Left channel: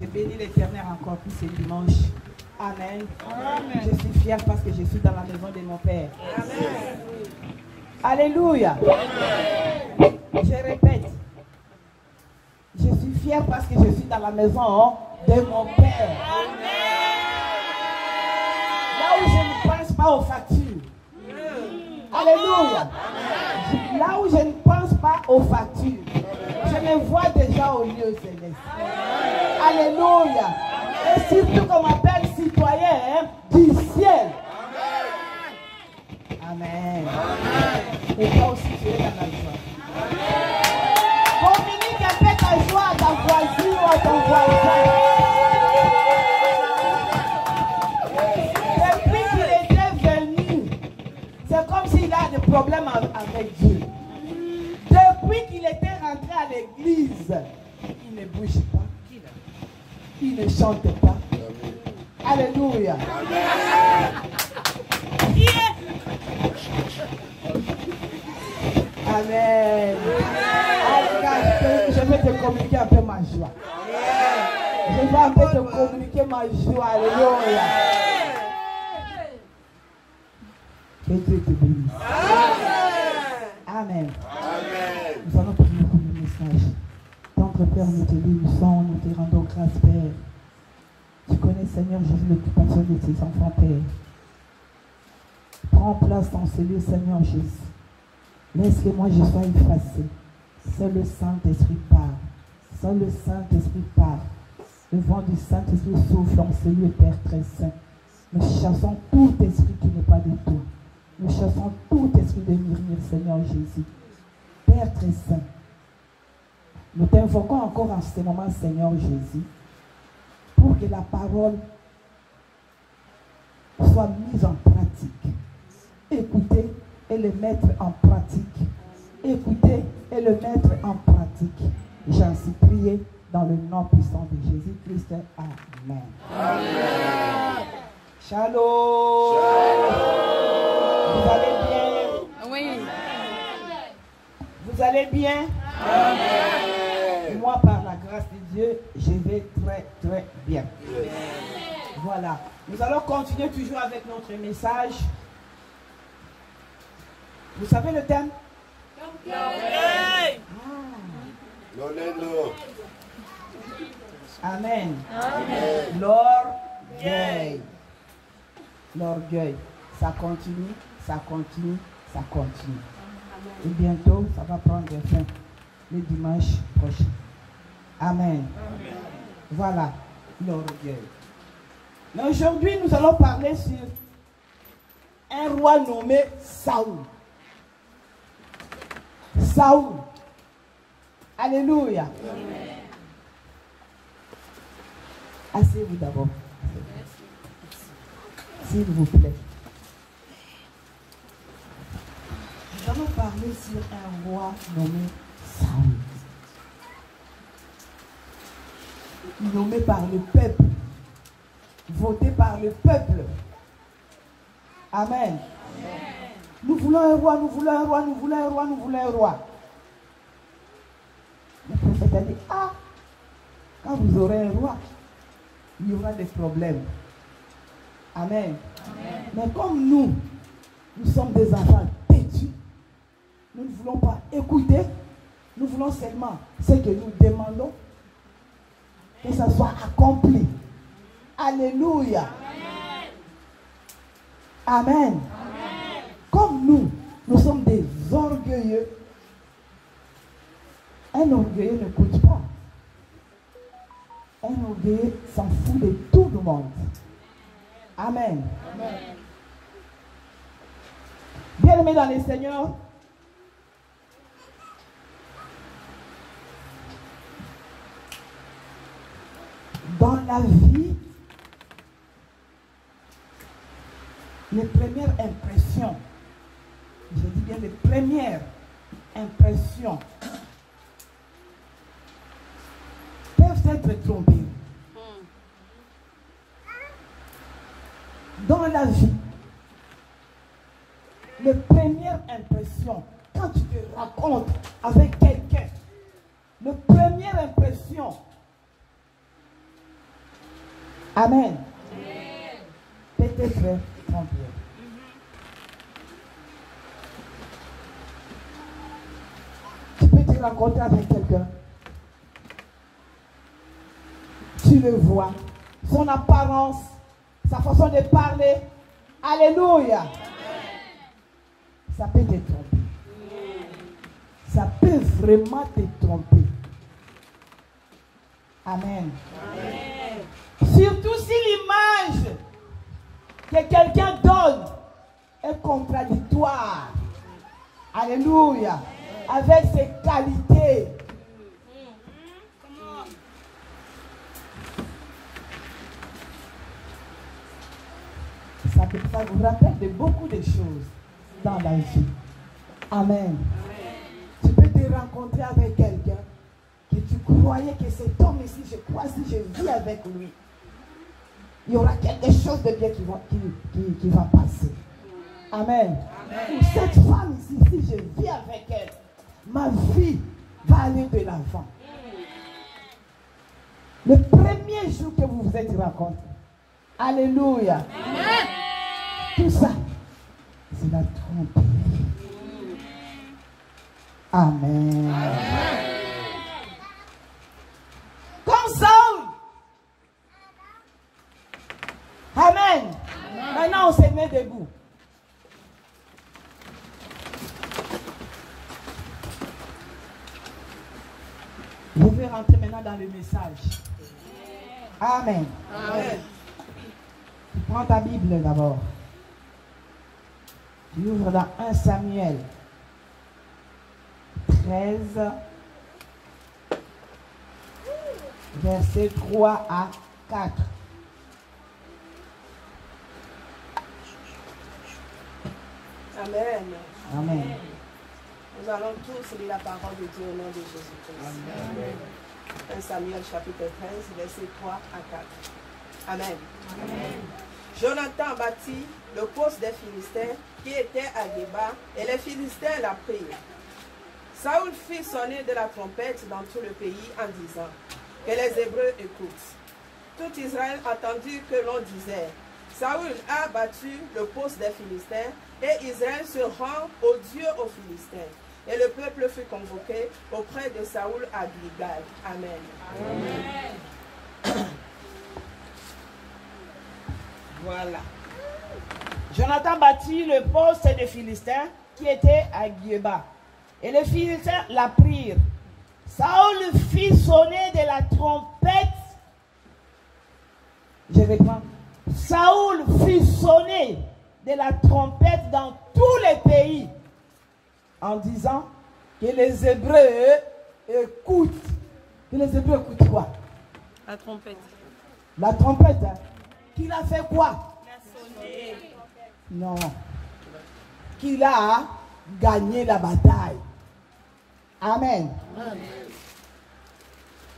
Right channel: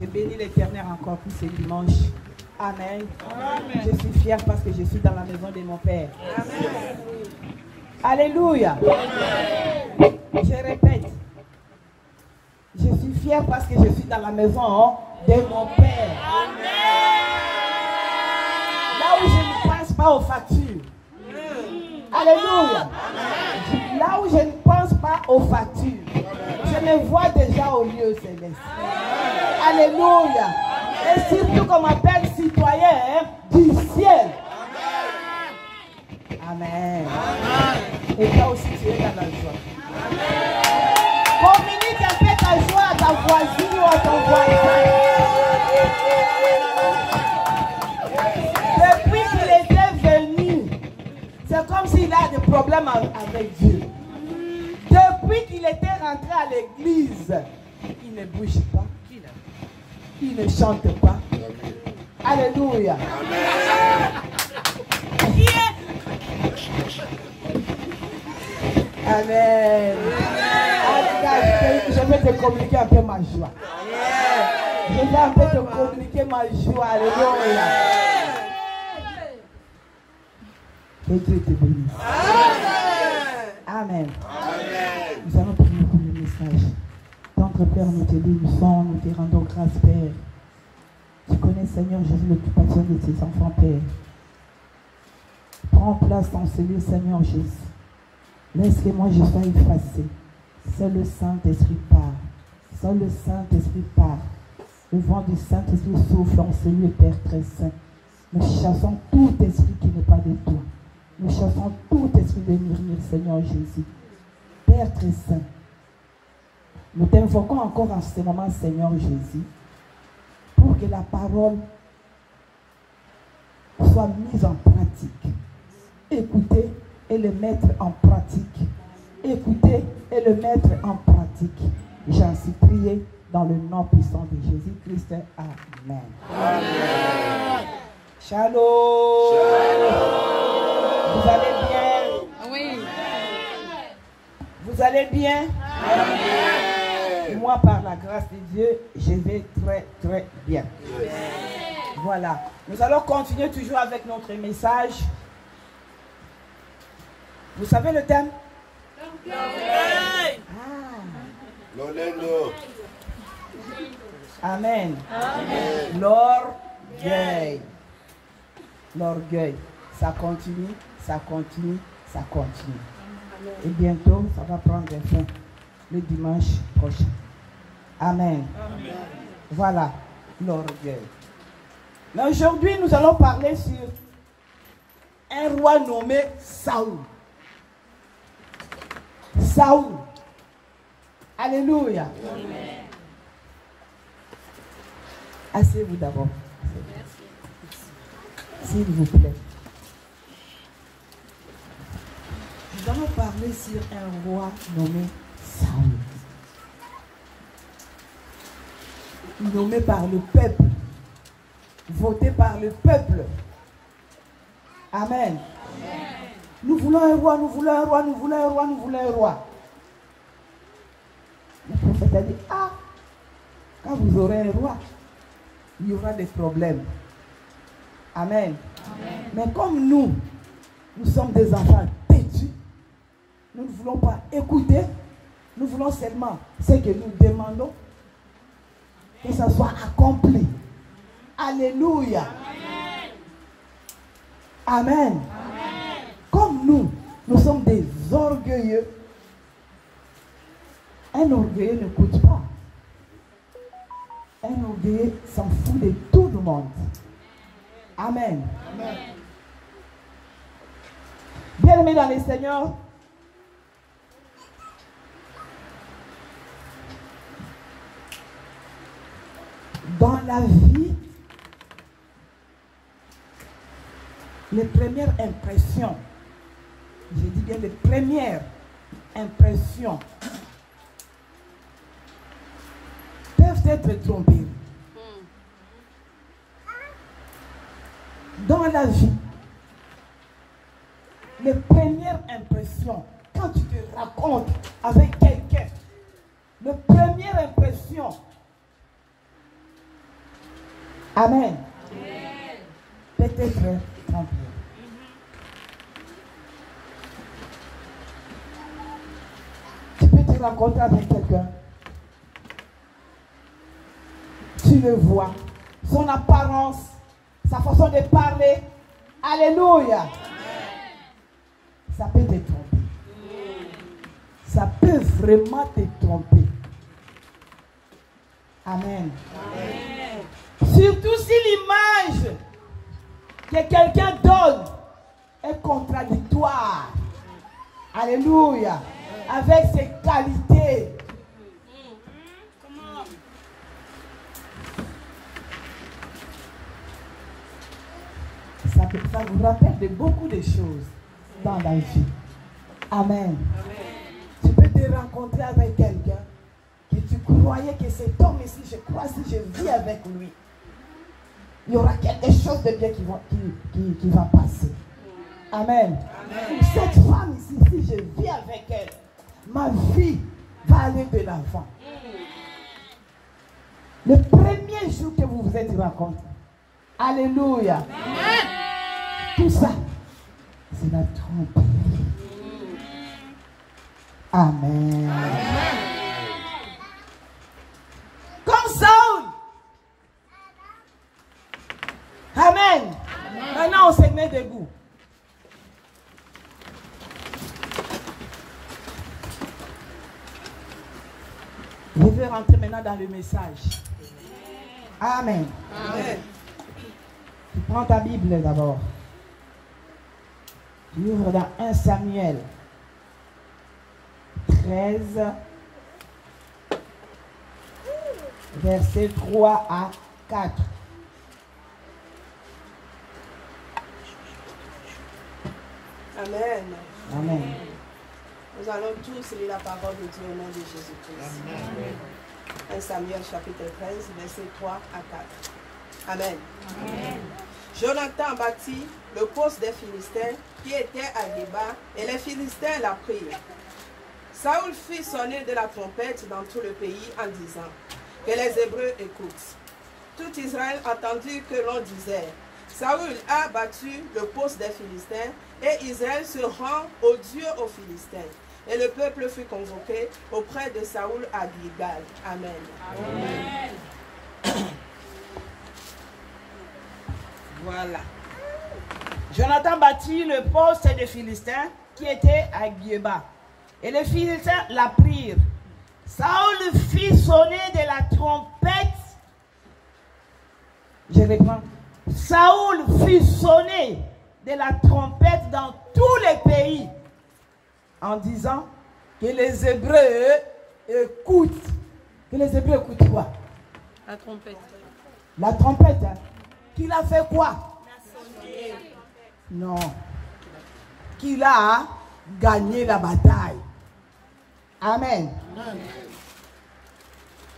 Je bénis l'Éternel encore pour ce dimanche. Amen. Amen. Je suis fière parce que je suis dans la maison de mon Père. Amen. Alléluia. Amen. Je répète. Je suis fière parce que je suis dans la maison de mon Père. Amen. Là où je ne pense pas aux factures. Alléluia. Amen. Là où je ne pense pas aux factures. Je me vois déjà au lieu céleste. Alléluia. Et surtout qu'on m'appelle citoyen du ciel. Amen. Amen. Et toi aussi tu es dans la joie. Communique un peu ta joie à ta voisine ou à ton voisin. Depuis qu'il était venu, c'est comme s'il a des problèmes avec Dieu. Depuis qu'il était rentré à l'église, il ne bouge pas. Il ne chante pas. Alléluia. Amen. Je vais te communiquer un peu ma joie. Je vais un peu te communiquer ma joie. Alléluia. Que Dieu te bénisse. Amen. Nous allons prier pour le message. Notre Père, nous te bénissons, nous te rendons grâce, Père. Tu connais, Seigneur Jésus, l'occupation de tes enfants, Père. Prends place dans ce lieu, Seigneur Jésus. Laisse que moi je sois effacé. Seul le Saint-Esprit part. Seul le Saint-Esprit part. Le vent du Saint-Esprit souffle dans ce lieu, Père très saint. Nous chassons tout esprit qui n'est pas de toi. Nous chassons tout esprit de murmure, Seigneur Jésus. Père très saint. Nous t'invoquons encore en ce moment, Seigneur Jésus, pour que la parole soit mise en pratique. Écoutez et le mettre en pratique. Écoutez et le mettre en pratique. J'en suis prié dans le nom puissant de Jésus-Christ. Amen. Amen. Shalom. Shalom. Vous allez bien? Oui. Vous allez bien? Amen. Moi, par la grâce de Dieu, je vais très, très bien. Amen. Voilà. Nous allons continuer toujours avec notre message. Vous savez le thème? Amen. Amen. L'orgueil. L'orgueil. Ça continue, ça continue, ça continue. Et bientôt, ça va prendre fin le dimanche prochain. Amen. Amen. Voilà, l'orgueil. Mais aujourd'hui, nous allons parler sur un roi nommé Saoul. Saoul. Alléluia. Amen. Asseyez-vous d'abord. S'il vous plaît. Nous allons parler sur un roi nommé Saoul. Nommé par le peuple. Voté par le peuple. Amen. Amen. Nous voulons un roi, nous voulons un roi, nous voulons un roi, nous voulons un roi. Le prophète a dit, ah, quand vous aurez un roi, il y aura des problèmes. Amen. Amen. Mais comme nous sommes des enfants têtus, nous ne voulons pas écouter, nous voulons seulement ce que nous demandons, que ça soit accompli. Alléluia. Amen. Amen. Comme nous sommes des orgueilleux, un orgueilleux ne coûte pas. Un orgueilleux s'en fout de tout le monde. Amen. Amen. Bien-aimés dans les Seigneurs, dans la vie, les premières impressions, je dis bien les premières impressions, peuvent être trompées. Dans la vie, les premières impressions, quand tu te racontes avec quelqu'un, les premières impressions Amen. Peut-être trompé. Tu peux te rencontrer avec quelqu'un. Tu le vois. Son apparence, sa façon de parler. Alléluia. Ça peut te tromper. Ça peut vraiment te tromper. Amen. Surtout si l'image que quelqu'un donne est contradictoire. Alléluia. Avec ses qualités. Ça vous rappelle de beaucoup de choses dans la vie. Amen. Tu peux te rencontrer avec quelqu'un que tu croyais que cet homme ici, je crois, si je vis avec lui, il y aura quelque chose de bien qui va passer. Amen. Cette femme ici, si je vis avec elle, ma vie va aller de l'avant. Le premier jour que vous vous êtes rencontrés, alléluia. Tout ça, c'est la tromperie. Amen. Comme Saul. Amen. Maintenant, on se met debout. Je vais rentrer maintenant dans le message. Amen. Amen. Tu prends ta Bible d'abord. Tu ouvres dans 1 Samuel 13, versets 3 à 4. Amen. Amen. Nous allons tous lire la parole de Dieu au nom de Jésus-Christ. 1 Samuel chapitre 13, versets 3 à 4. Amen. Amen. Jonathan bâtit le poste des Philistins qui était à Géba et les Philistins la prirent. Saül fit sonner de la trompette dans tout le pays en disant que les Hébreux écoutent. Tout Israël entendit que l'on disait: Saül a battu le poste des Philistins et Israël se rend au Dieu aux Philistins. Et le peuple fut convoqué auprès de Saül à Gilgal. Amen. Amen. Voilà. Jonathan bâtit le poste des Philistins qui était à Géba. Et les Philistins la prirent. Saül fit sonner de la trompette. Je reprends. Saül fit sonner de la trompette dans tous les pays en disant que les Hébreux écoutent. Que les Hébreux écoutent quoi? La trompette. La trompette. Hein? Qu'il a fait quoi? Non. Qu'il a gagné la bataille. Amen. Amen.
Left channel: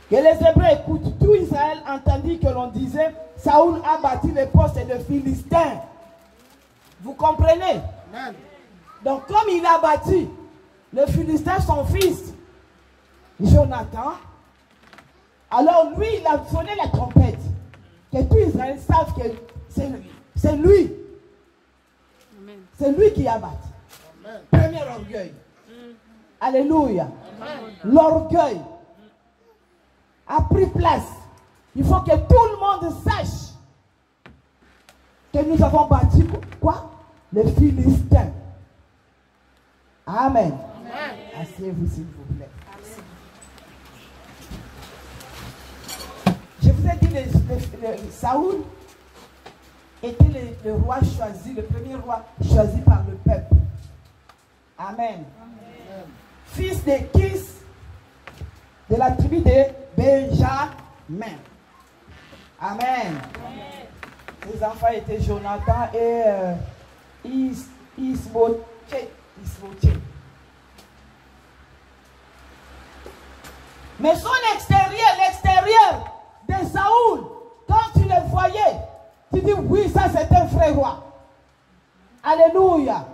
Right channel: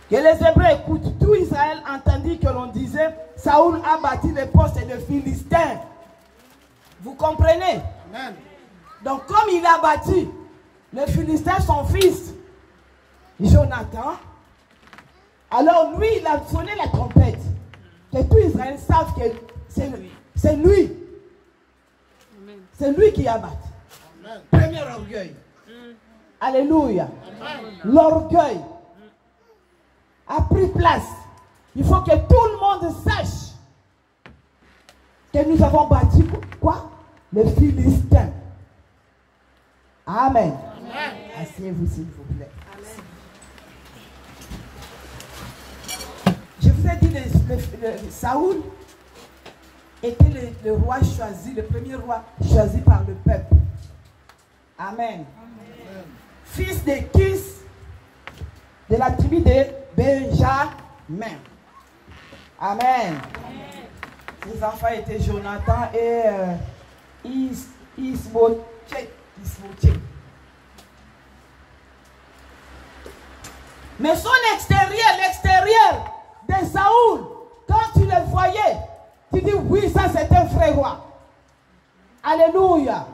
Que les Hébreux écoutent. Tout Israël entendit que l'on disait: Saül a bâti le poste de Philistins. Vous comprenez? Amen. Donc comme il a bâti, le Philistin, son fils, Jonathan, alors lui, il a sonné la trompette. Que tout Israël sache que c'est lui. C'est lui. C'est lui qui a battu. Amen. Premier orgueil. Alléluia. L'orgueil a pris place. Il faut que tout le monde sache que nous avons battu quoi? Les Philistins. Amen. Asseyez-vous s'il vous plaît. Amen. Je vous ai dit, Saül était le roi choisi, le premier roi choisi par le peuple. Amen. Amen. Fils de Kis, de la tribu de Benjamin. Amen. Amen. Ses enfants étaient Jonathan et Isbothshémeth. Mais son extérieur, l'extérieur de Saül, quand tu le voyais, tu dis oui, ça c'est un vrai roi. Alléluia. Amen.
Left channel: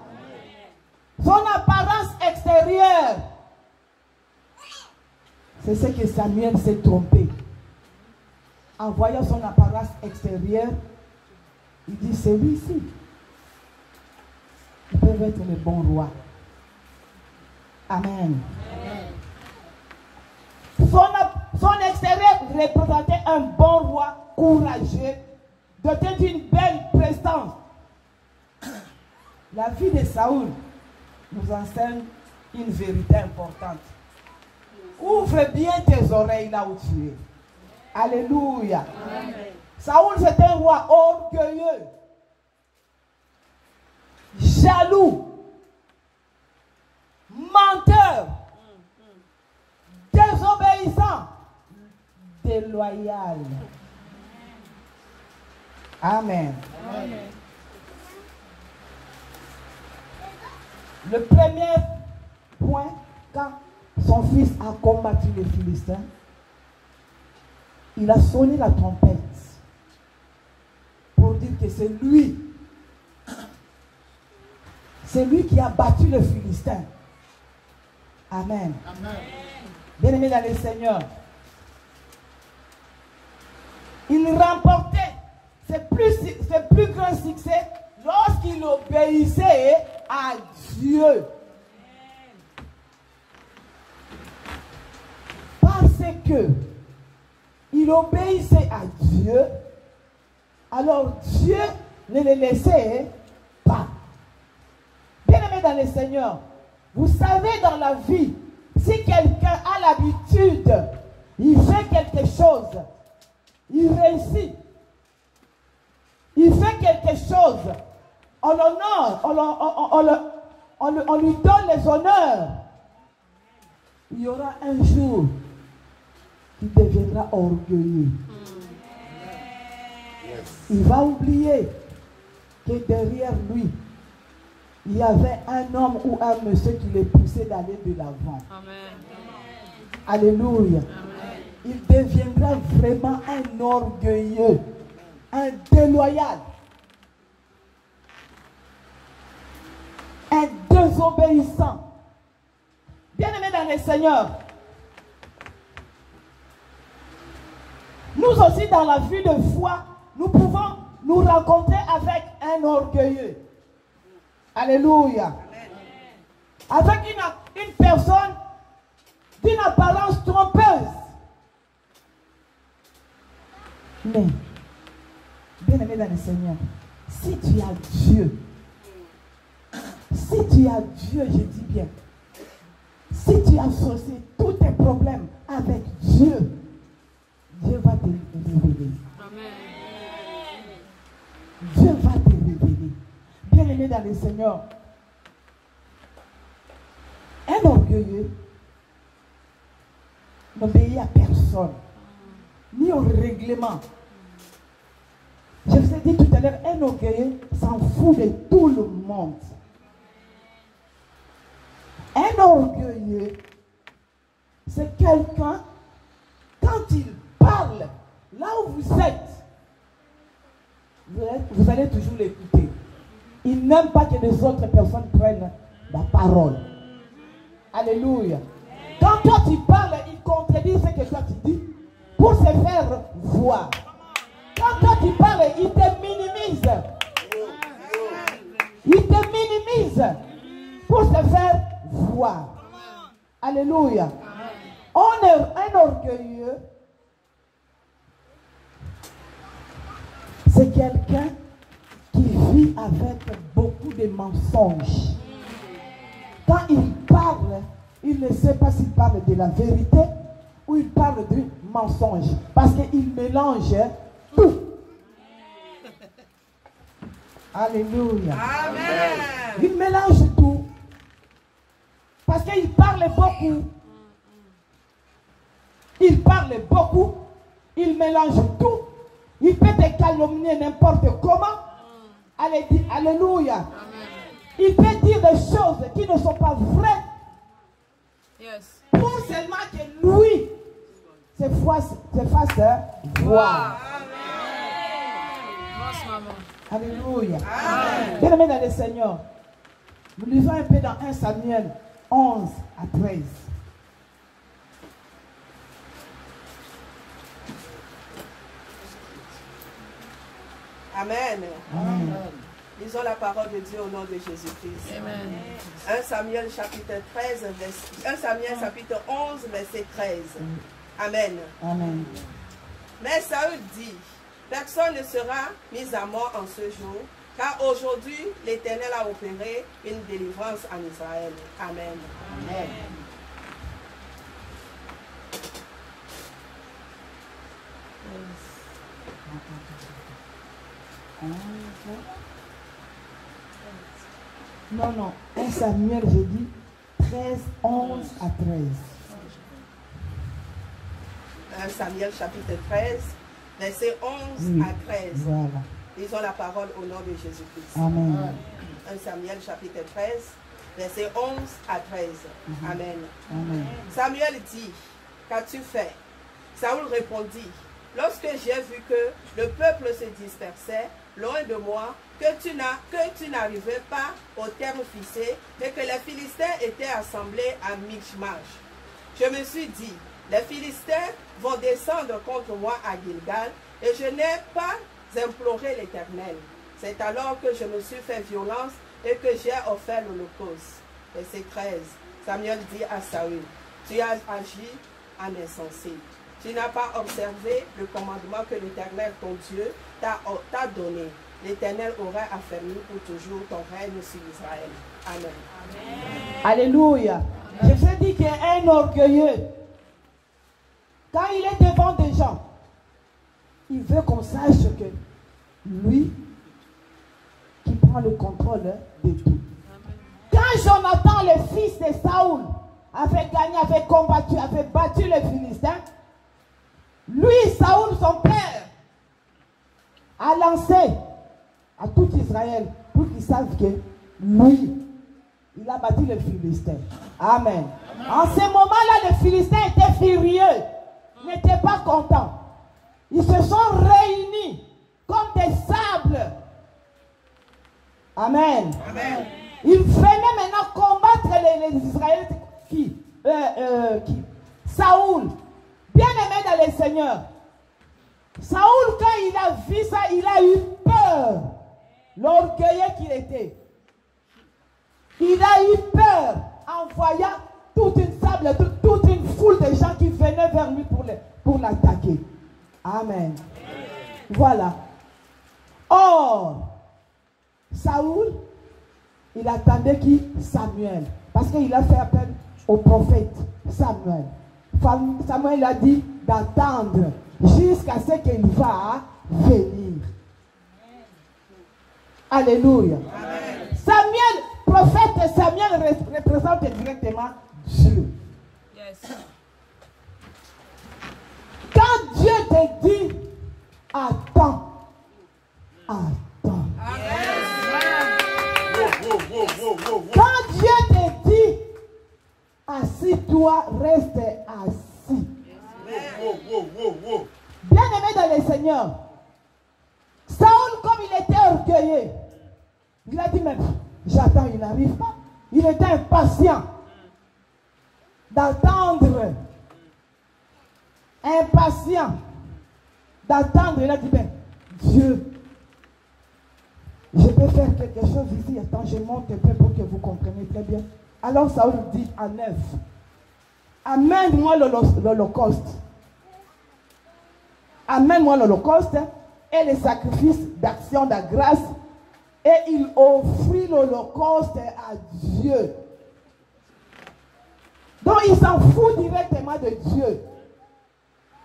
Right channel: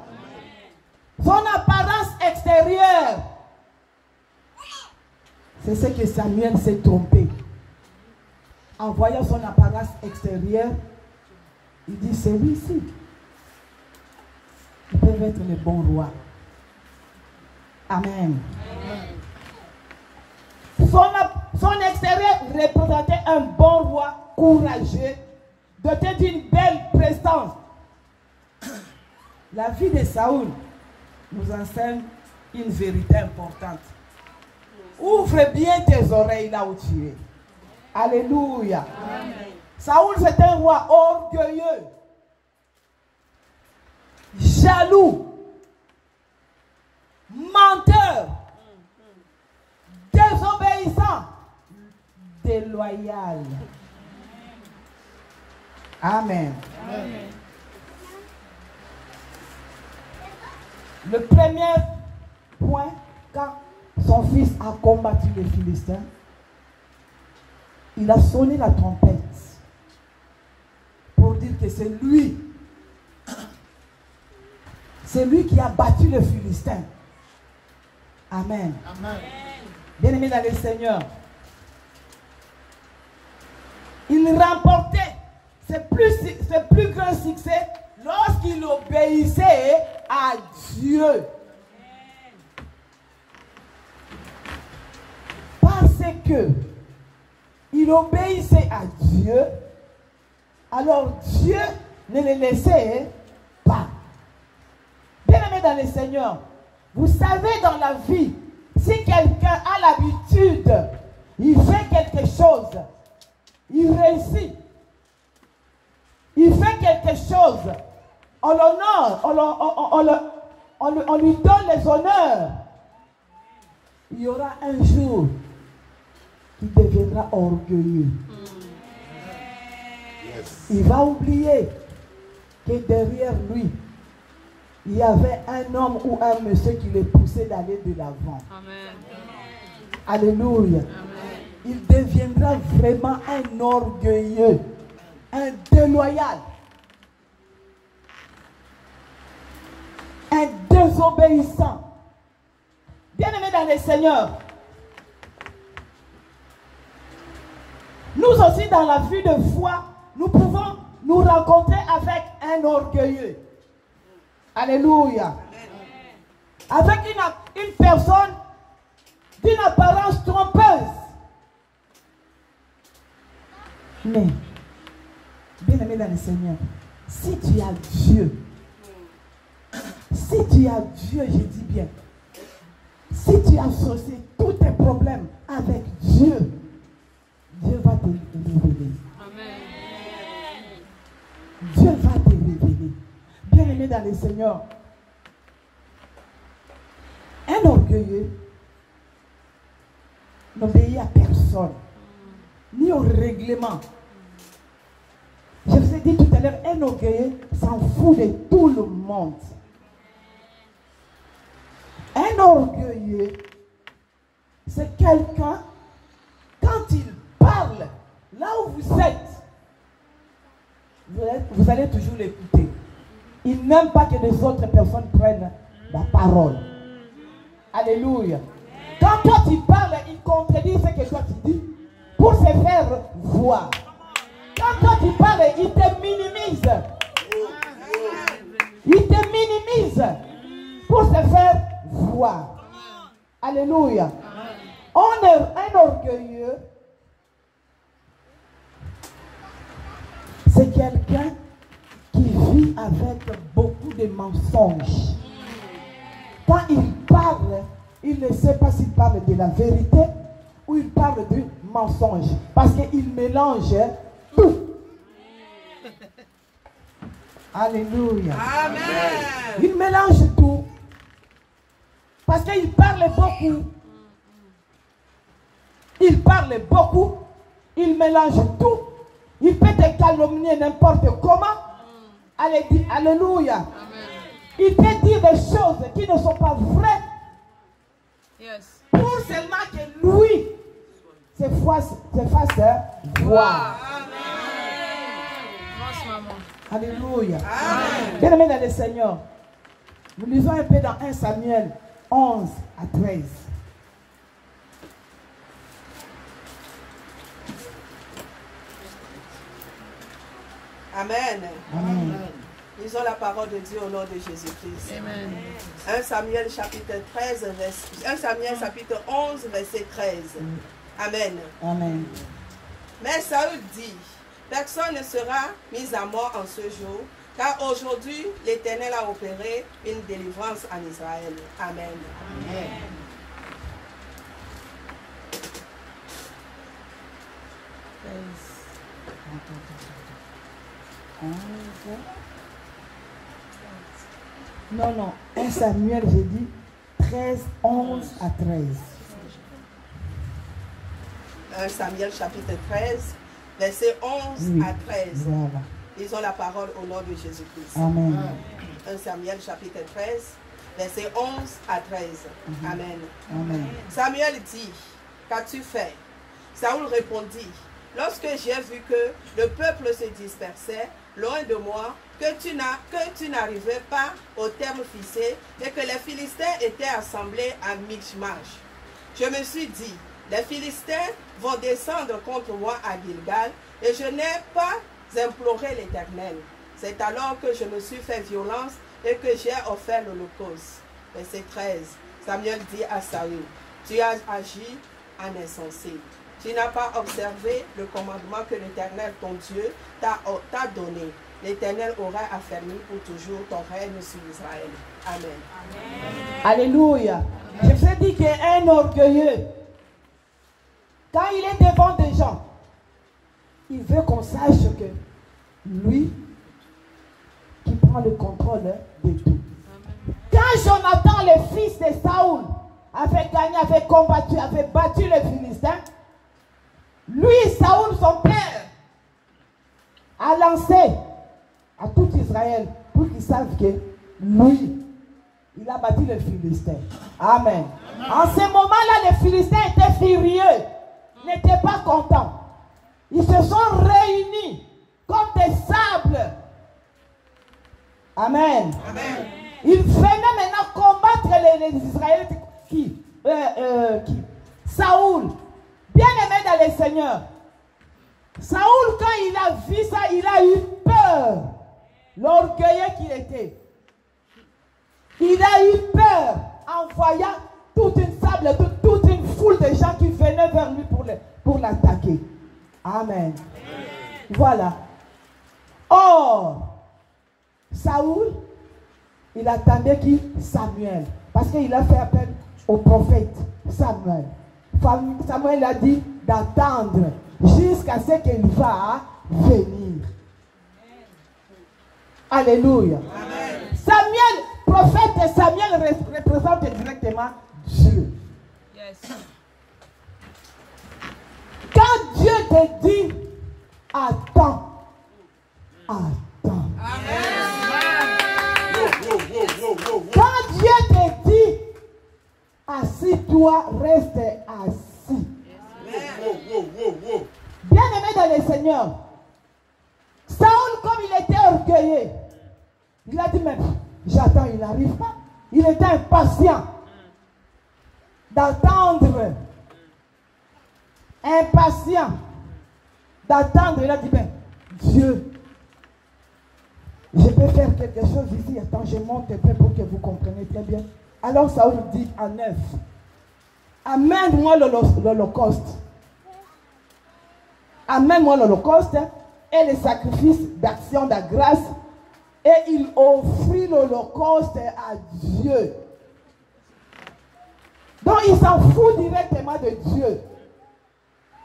Son apparence extérieure, c'est ce que Samuel s'est trompé. en voyant son apparence extérieure, il dit, celui-ci, ils peuvent être les bons rois. Amen. Son extérieur représentait un bon roi courageux, doté d'une belle prestance. La vie de Saoul nous enseigne une vérité importante. Ouvre bien tes oreilles là où tu es. Alléluia. Amen. Saoul, c'est un roi orgueilleux, jaloux, menteur, désobéissant, déloyal. Amen. Amen. Le premier point, quand son fils a combattu les Philistins, il a sonné la trompette pour dire que c'est lui qui a battu les Philistins. Amen. Amen. Bien-aimés dans le Seigneur, il remportait ses plus grands succès lorsqu'il obéissait à Dieu. Parce que il obéissait à Dieu, alors Dieu ne le laissait pas. Bien-aimés dans le Seigneur, vous savez dans la vie, si quelqu'un a l'habitude, il fait quelque chose, il réussit, il fait quelque chose, on l'honore, on lui donne les honneurs. Il y aura un jour qui deviendra orgueilleux. Il va oublier que derrière lui, il y avait un homme ou un monsieur qui le poussait d'aller de l'avant. Alléluia. Amen. Il deviendra vraiment un orgueilleux, un déloyal, un désobéissant. Bien-aimés dans le Seigneur, nous aussi dans la vie de foi, nous pouvons nous rencontrer avec un orgueilleux. Alléluia. Amen. Avec une personne d'une apparence trompeuse. Mais, bien-aimé dans le Seigneur, si tu as Dieu, je dis bien, si tu as associé tous tes problèmes avec Dieu, Dieu va te révéler. Amen. Dieu va te révéler. Bien-aimé dans le Seigneur, un orgueilleux n'obéit à personne, ni au règlement. Je vous ai dit tout à l'heure, un orgueilleux s'en fout de tout le monde. Un orgueilleux, c'est quelqu'un, quand il parle, là où vous êtes, vous allez toujours l'écouter. Il n'aime pas que les autres personnes prennent la parole. Alléluia. Quand toi tu parles, il contredit ce que toi tu dis pour se faire voir. Quand toi tu parles, il te minimise. Il te minimise pour se faire voir. Alléluia. On est un orgueilleux. C'est quelqu'un qui vit avec beaucoup de mensonges. Quand il parle, il ne sait pas s'il parle de la vérité ou il parle du mensonge. Parce qu'il mélange tout. Alléluia. Amen. Il mélange tout. Parce qu'il parle beaucoup. Il parle beaucoup. Il mélange tout. Il peut te calomnier n'importe comment. Alléluia. Amen. Il peut dire des choses qui ne sont pas vraies. Yes. Pour seulement que lui se fasse voir. Alléluia. Bien-aimés dans le Seigneur, nous lisons un peu dans 1 Samuel 11 à 13. Amen. Amen. Lisons la parole de Dieu au nom de Jésus-Christ. 1 Samuel chapitre 13, 1 Samuel chapitre 11, verset 13. Amen. Amen. Mais Saül dit, personne ne sera mis à mort en ce jour, car aujourd'hui l'Éternel a opéré une délivrance en Israël. Amen. Amen. Non, 1 Samuel, j'ai dit 13, 11 à 13. 1 Samuel chapitre 13, verset 11 à 13. Voilà. Lisons la parole au nom de Jésus-Christ. Amen. 1 Samuel chapitre 13, verset 11 à 13. Amen. Amen. Samuel dit, qu'as-tu fait? Saül répondit, lorsque j'ai vu que le peuple se dispersait loin de moi, que tu n'arrivais pas au terme fixé et que les Philistins étaient assemblés à Michmash, je me suis dit, les Philistins vont descendre contre moi à Gilgal et je n'ai pas imploré l'Éternel. C'est alors que je me suis fait violence et que j'ai offert l'holocauste. Verset 13. Samuel dit à Saül, tu as agi en insensé. Tu n'as pas observé le commandement que l'Éternel, ton Dieu, t'a donné. L'Éternel aura affermi pour toujours ton règne sur Israël. Amen. Amen. Alléluia. Je vous ai dit qu'il est un orgueilleux. Quand il est devant des gens, il veut qu'on sache que lui, qui prend le contrôle de tout. Quand Jonathan, le fils de Saül, avait gagné, avait combattu, avait battu les Philistins, lui, Saül, son père, a lancé à tout Israël pour qu'ils savent que lui, il a battu les Philistins. Amen. En ce moment-là, les Philistins étaient furieux, n'étaient pas contents. Ils se sont réunis comme des sables. Amen. Amen. Ils venaient maintenant combattre les Israélites qui Saül, bien aimé dans le Seigneur. Saül, quand il a vu ça, il a eu peur. L'orgueilleux qu'il était. Il a eu peur en voyant toute une sable, toute une foule de gens qui venaient vers lui pour l'attaquer. Amen. Voilà. Or, Saül, il attendait qui? Samuel. Parce qu'il a fait appel au prophète Samuel. Samuel a dit d'attendre jusqu'à ce qu'il va venir. Alléluia. Amen. Samuel, prophète Samuel représente directement Dieu. Yes. Quand Dieu te dit attends, attends. Quand Dieu te dit assis-toi, reste assis. Bien aimé dans le Seigneur, Saül, comme il était orgueilleux, il a dit même, j'attends, il n'arrive pas. Il était impatient d'attendre. Impatient d'attendre. Il a dit, ben, Dieu, je peux faire quelque chose ici. Attends, je monte un peu pour que vous compreniez très bien. Alors Saül dit à 9, amène-moi l'holocauste. Amène-moi l'holocauste et le sacrifice d'action de grâce. Et il offrit l'holocauste à Dieu. Donc il s'en fout directement de Dieu.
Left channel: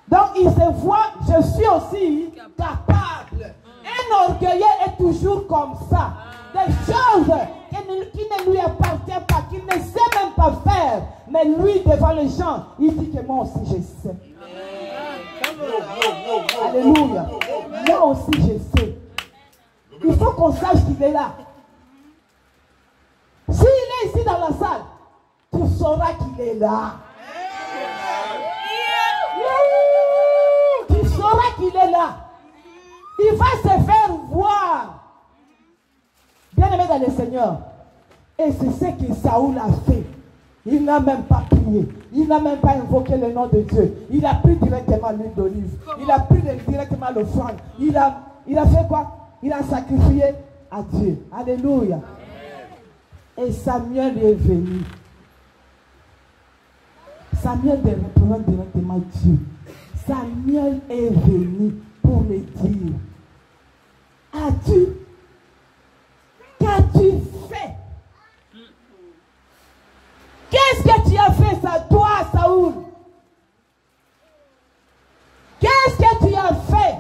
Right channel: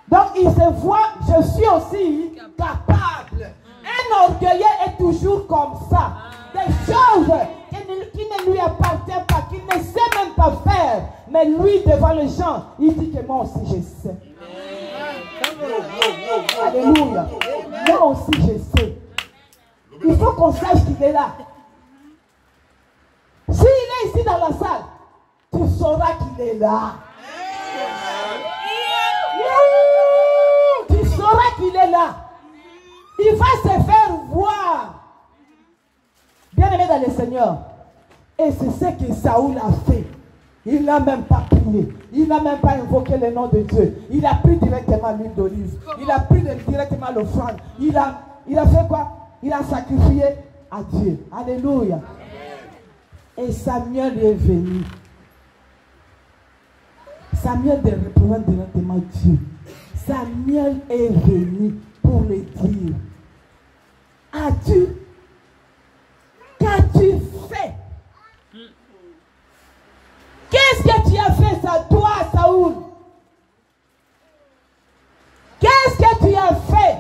Donc il se voit, je suis aussi capable. Un orgueilleux est toujours comme ça. Des choses qui ne lui appartiennent pas, qu'il ne sait même pas faire. Mais lui, devant les gens, il dit que moi aussi je sais. Alléluia. Moi aussi je sais. Il faut qu'on sache qu'il est là. S'il est ici dans la salle, tu sauras qu'il est là. Tu sauras qu'il est là. Il va se faire voir. Bien aimé dans le Seigneur. Et c'est ce que Saül a fait. Il n'a même pas prié. Il n'a même pas invoqué le nom de Dieu. Il a pris directement l'huile d'olive. Il a pris directement l'offrande. Il a fait quoi? il a sacrifié à Dieu. Alléluia. Et Samuel est venu. Samuel ne représente directement Dieu. Samuel est venu pour le dire. Qu'as-tu fait? Qu'est-ce que tu as fait, ça, toi, Saoul? Qu'est-ce que tu as fait?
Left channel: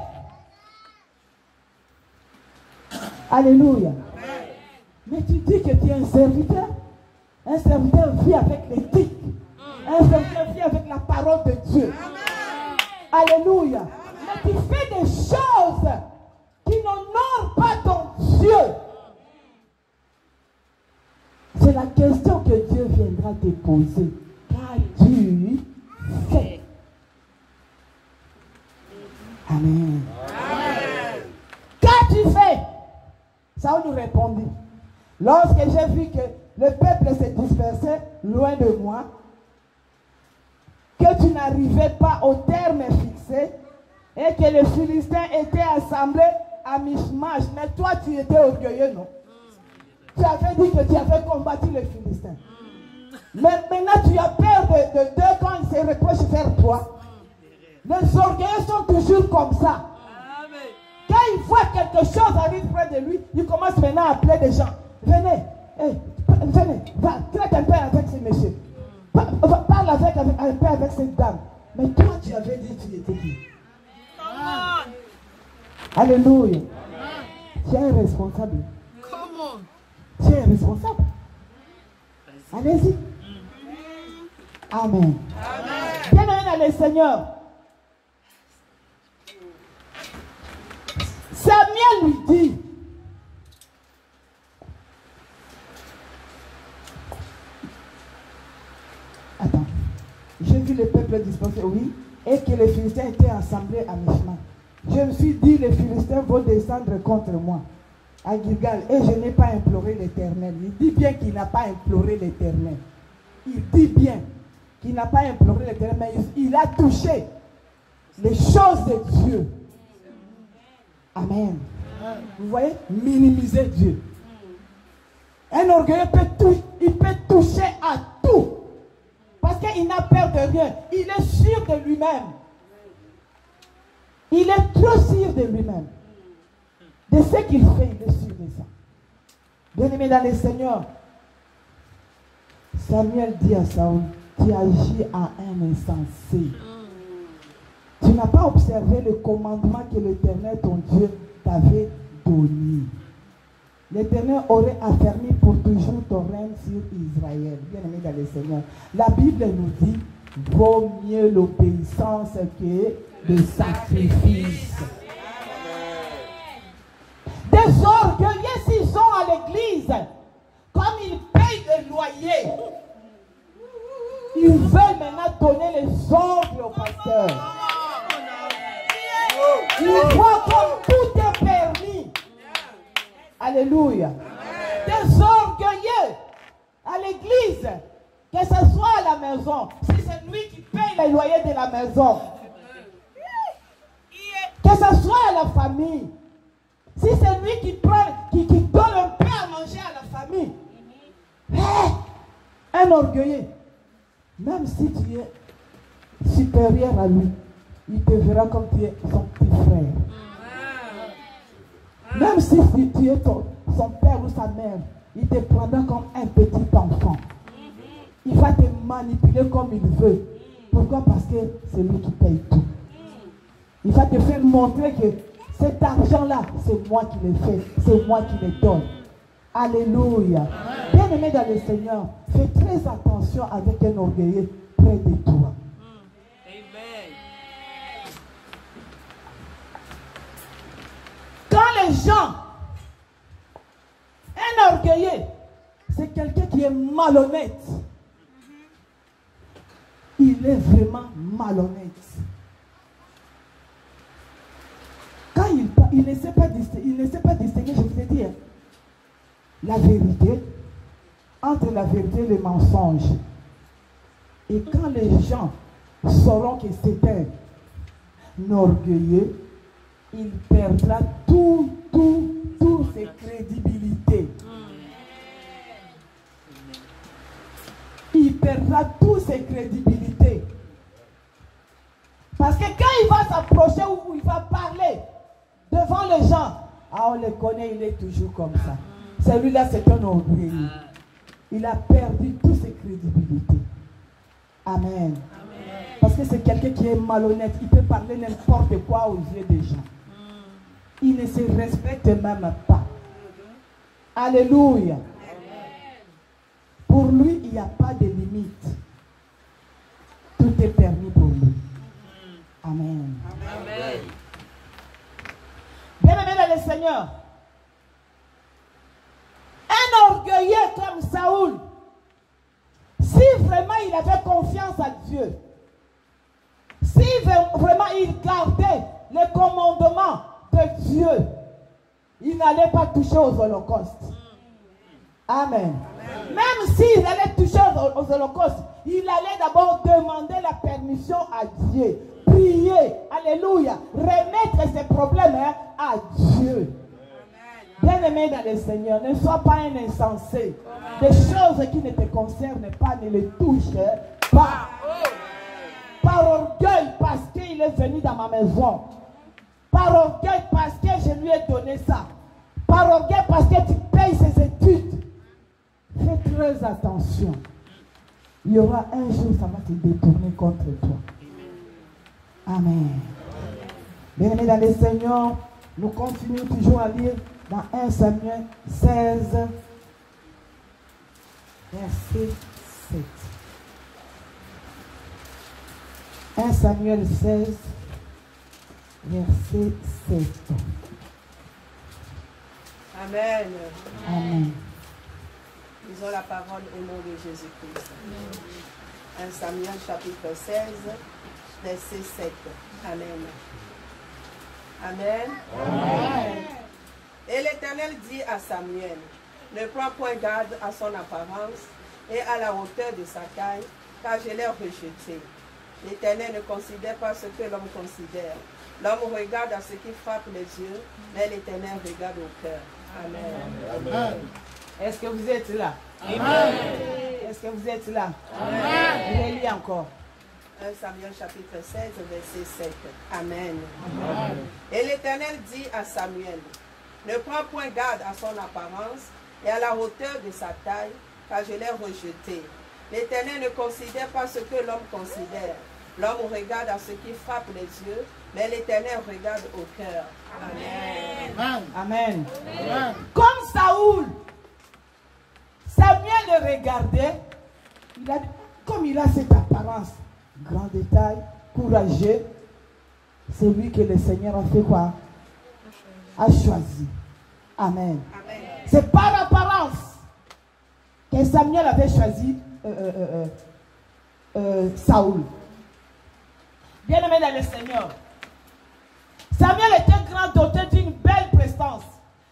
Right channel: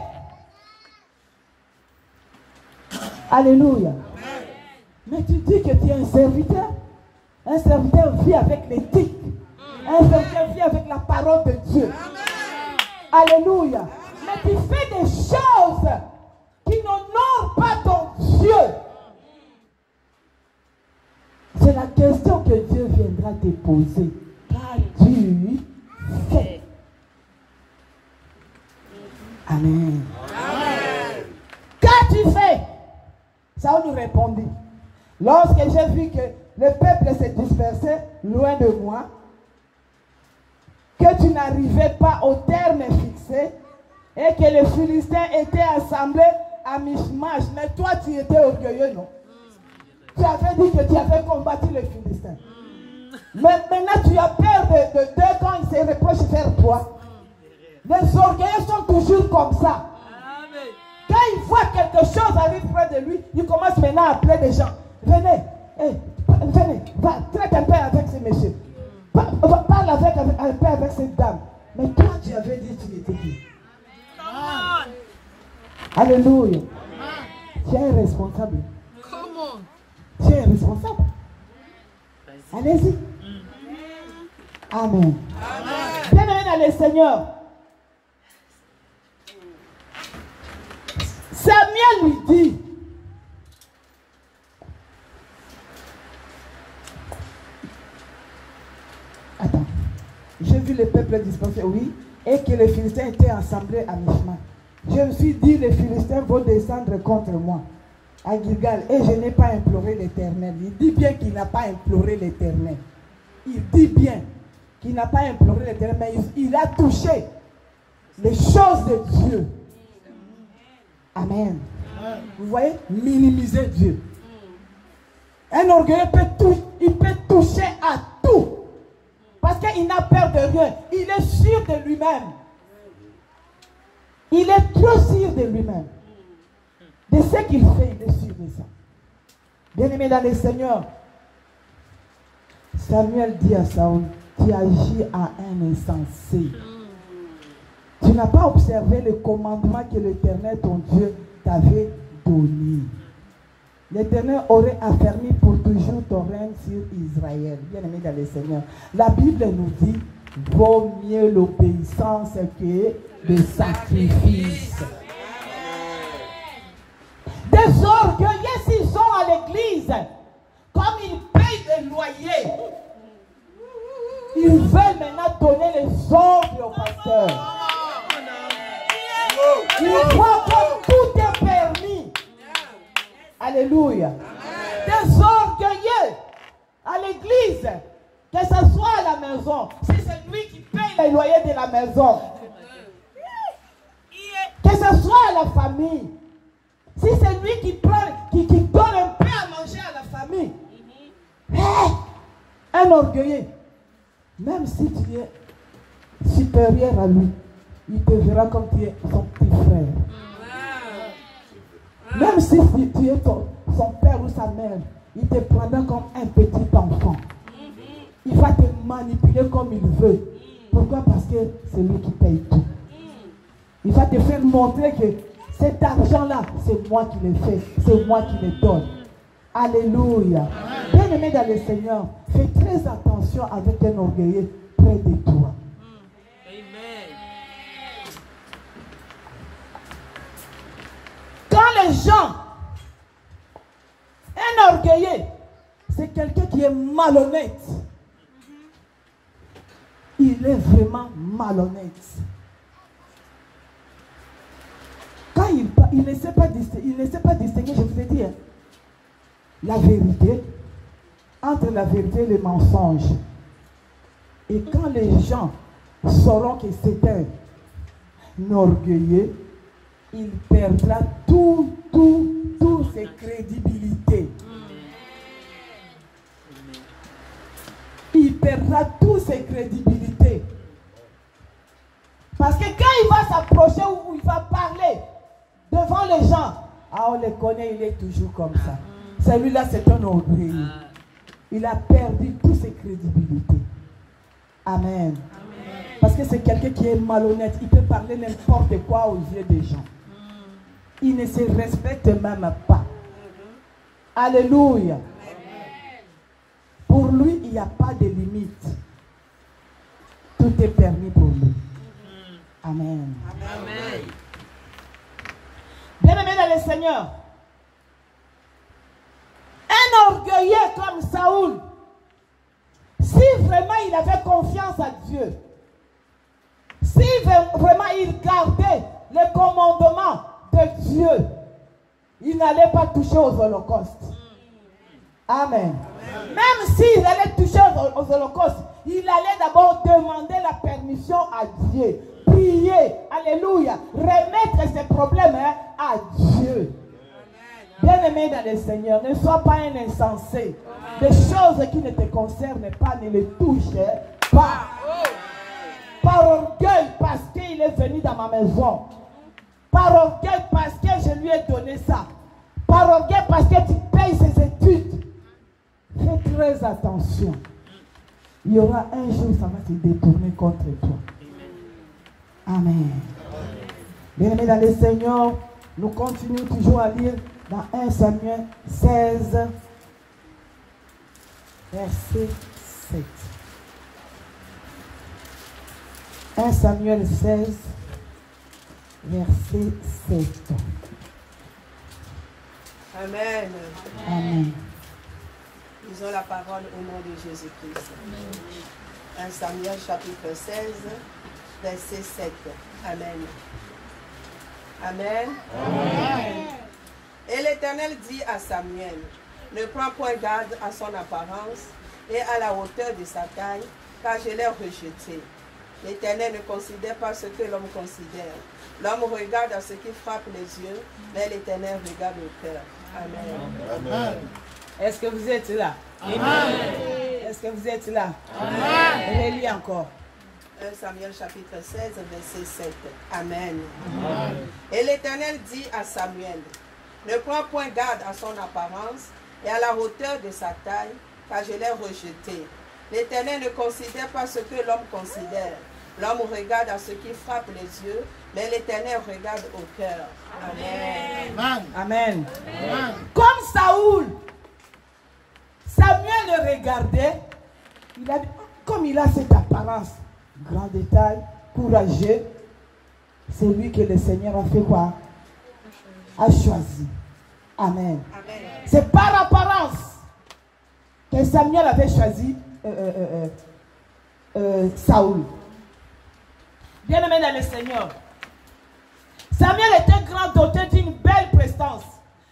Alléluia. Mais tu dis que tu es un serviteur. Un serviteur vit avec l'éthique. Un serviteur vit avec la parole de Dieu. Alléluia. Mais tu fais des choses qui n'honorent pas ton Dieu. C'est la question que Dieu viendra te poser. Qu'as-tu fait? Amen. Qu'as-tu fait? Ça on nous répondit. Lorsque j'ai vu que le peuple s'est dispersé loin de moi, que tu n'arrivais pas au terme fixé et que les Philistins étaient assemblés à Michmash. Mais toi, tu étais orgueilleux, non? Tu avais dit que tu avais combattu les Philistins. Mais maintenant, tu as peur de Dieu quand il se reproche vers toi. Les orgueilleux sont toujours comme ça. Quand il voit quelque chose arrive près de lui, il commence maintenant à appeler des gens. Venez, venez, va, traite un peu avec ces messieurs. Parle un peu avec cette dame. Mais toi, tu avais dit que tu étais qui? Alléluia. Tu es un responsable. Tu es un responsable. Allez-y. Amen. Bien-aimé dans le Seigneur. Samuel lui dit, attends, j'ai vu le peuple dispersé, oui, et que les Philistins étaient assemblés à Michmash. Je me suis dit, les Philistins vont descendre contre moi à Gilgal, et je n'ai pas imploré l'Éternel. Il dit bien qu'il n'a pas imploré l'Éternel. Il dit bien qu'il n'a pas imploré l'Éternel, mais il a touché les choses de Dieu. Amen. Vous voyez, minimiser Dieu. Un orgueilleux peut toucher à tout. Parce qu'il n'a peur de rien. Il est sûr de lui-même. Il est trop sûr de lui-même. De ce qu'il fait, il est sûr de ça. Bien-aimé dans le Seigneur, Samuel dit à Saoul, tu agis à un insensé. Tu n'as pas observé le commandement que l'Éternel, ton Dieu, t'avait donné. L'Éternel aurait affermi pour toujours ton règne sur Israël. Bien-aimé dans le Seigneur. La Bible nous dit, vaut mieux l'obéissance que le sacrifice. Des orgueilleux, s'ils sont à l'église, comme ils payent le loyer, ils veulent maintenant donner les ordres au pasteur. Ils voient comme tout est permis. Alléluia. Des orgueilleux à l'église, que ce soit à la maison, si c'est lui qui paye le loyer de la maison, que ce soit à la famille, si c'est lui qui prend, qui donne un peu à manger à la famille, un orgueilleux, même si tu es supérieur à lui, il te verra comme tu es son petit frère. Même si tu es son père ou sa mère, il te prendra comme un petit enfant. Il va te manipuler comme il veut. Pourquoi? Parce que c'est lui qui paye tout. Il va te faire montrer que cet argent-là, c'est moi qui le fais, c'est moi qui le donne. Alléluia. Bien-aimé dans le Seigneur, fais très attention avec un orgueilleux près de toi. Quand les gens, un orgueilleux, c'est quelqu'un qui est malhonnête. Il est vraiment malhonnête. Quand il ne sait pas distinguer, je vous ai dit, la vérité, entre la vérité et le mensonge. Et quand les gens sauront que c'est un orgueilleux, il perdra tout perdra toute ses crédibilités. Parce que quand il va s'approcher ou il va parler devant les gens, on le connaît, il est toujours comme ça. Celui-là, c'est un orgueil. Il a perdu toute ses crédibilités. Amen. Parce que c'est quelqu'un qui est malhonnête. Il peut parler n'importe quoi aux yeux des gens. Il ne se respecte même pas. Alléluia. Pour lui, il n'y a pas de limite. Tout est permis pour lui. Amen. Amen. Bien-aimé dans le Seigneur, un orgueilleux comme Saoul, si vraiment il avait confiance à Dieu, si vraiment il gardait le commandement de Dieu, il n'allait pas toucher aux holocaustes. Amen. Même s'il allait toucher aux holocaustes, il allait d'abord demander la permission à Dieu. Prier, alléluia, remettre ses problèmes à Dieu. Bien-aimé dans le Seigneur, ne sois pas un insensé. Des choses qui ne te concernent pas, ne les touche pas. Par orgueil, parce qu'il est venu dans ma maison. Par orgueil, parce que je lui ai donné ça. Par orgueil, parce que tu payes ses études. Fais très attention. Il y aura un jour, ça va se détourner contre toi. Amen. Bien-aimés dans le Seigneur, nous continuons toujours à lire dans 1 Samuel 16, verset 7. 1 Samuel 16, verset 7. Amen. Amen. Lisons la parole au nom de Jésus-Christ. 1 Samuel chapitre 16, verset 7. Amen. Amen. Amen. Et l'Éternel dit à Samuel, ne prends point garde à son apparence et à la hauteur de sa taille, car je l'ai rejeté. L'Éternel ne considère pas ce que l'homme considère. L'homme regarde à ce qui frappe les yeux, mais l'Éternel regarde au cœur. Amen. Amen. Est-ce que vous êtes là? Amen. Est-ce que vous êtes là? Amen. Relis encore. 1 Samuel chapitre 16, verset 7. Amen. Amen. Et l'Éternel dit à Samuel, ne prends point garde à son apparence et à la hauteur de sa taille, car je l'ai rejeté. L'Éternel ne considère pas ce que l'homme considère. L'homme regarde à ce qui frappe les yeux, mais l'Éternel regarde au cœur. Amen. Amen. Amen. Amen. Comme Saoul, Samuel le regardait, il a dit, comme il a cette apparence, grand détail, courageux, c'est lui que le Seigneur a fait quoi? A choisi. Amen. Amen. C'est par apparence que Samuel avait choisi Saoul. Bien-aimé dans le Seigneur, Samuel était grand, doté d'une belle prestance.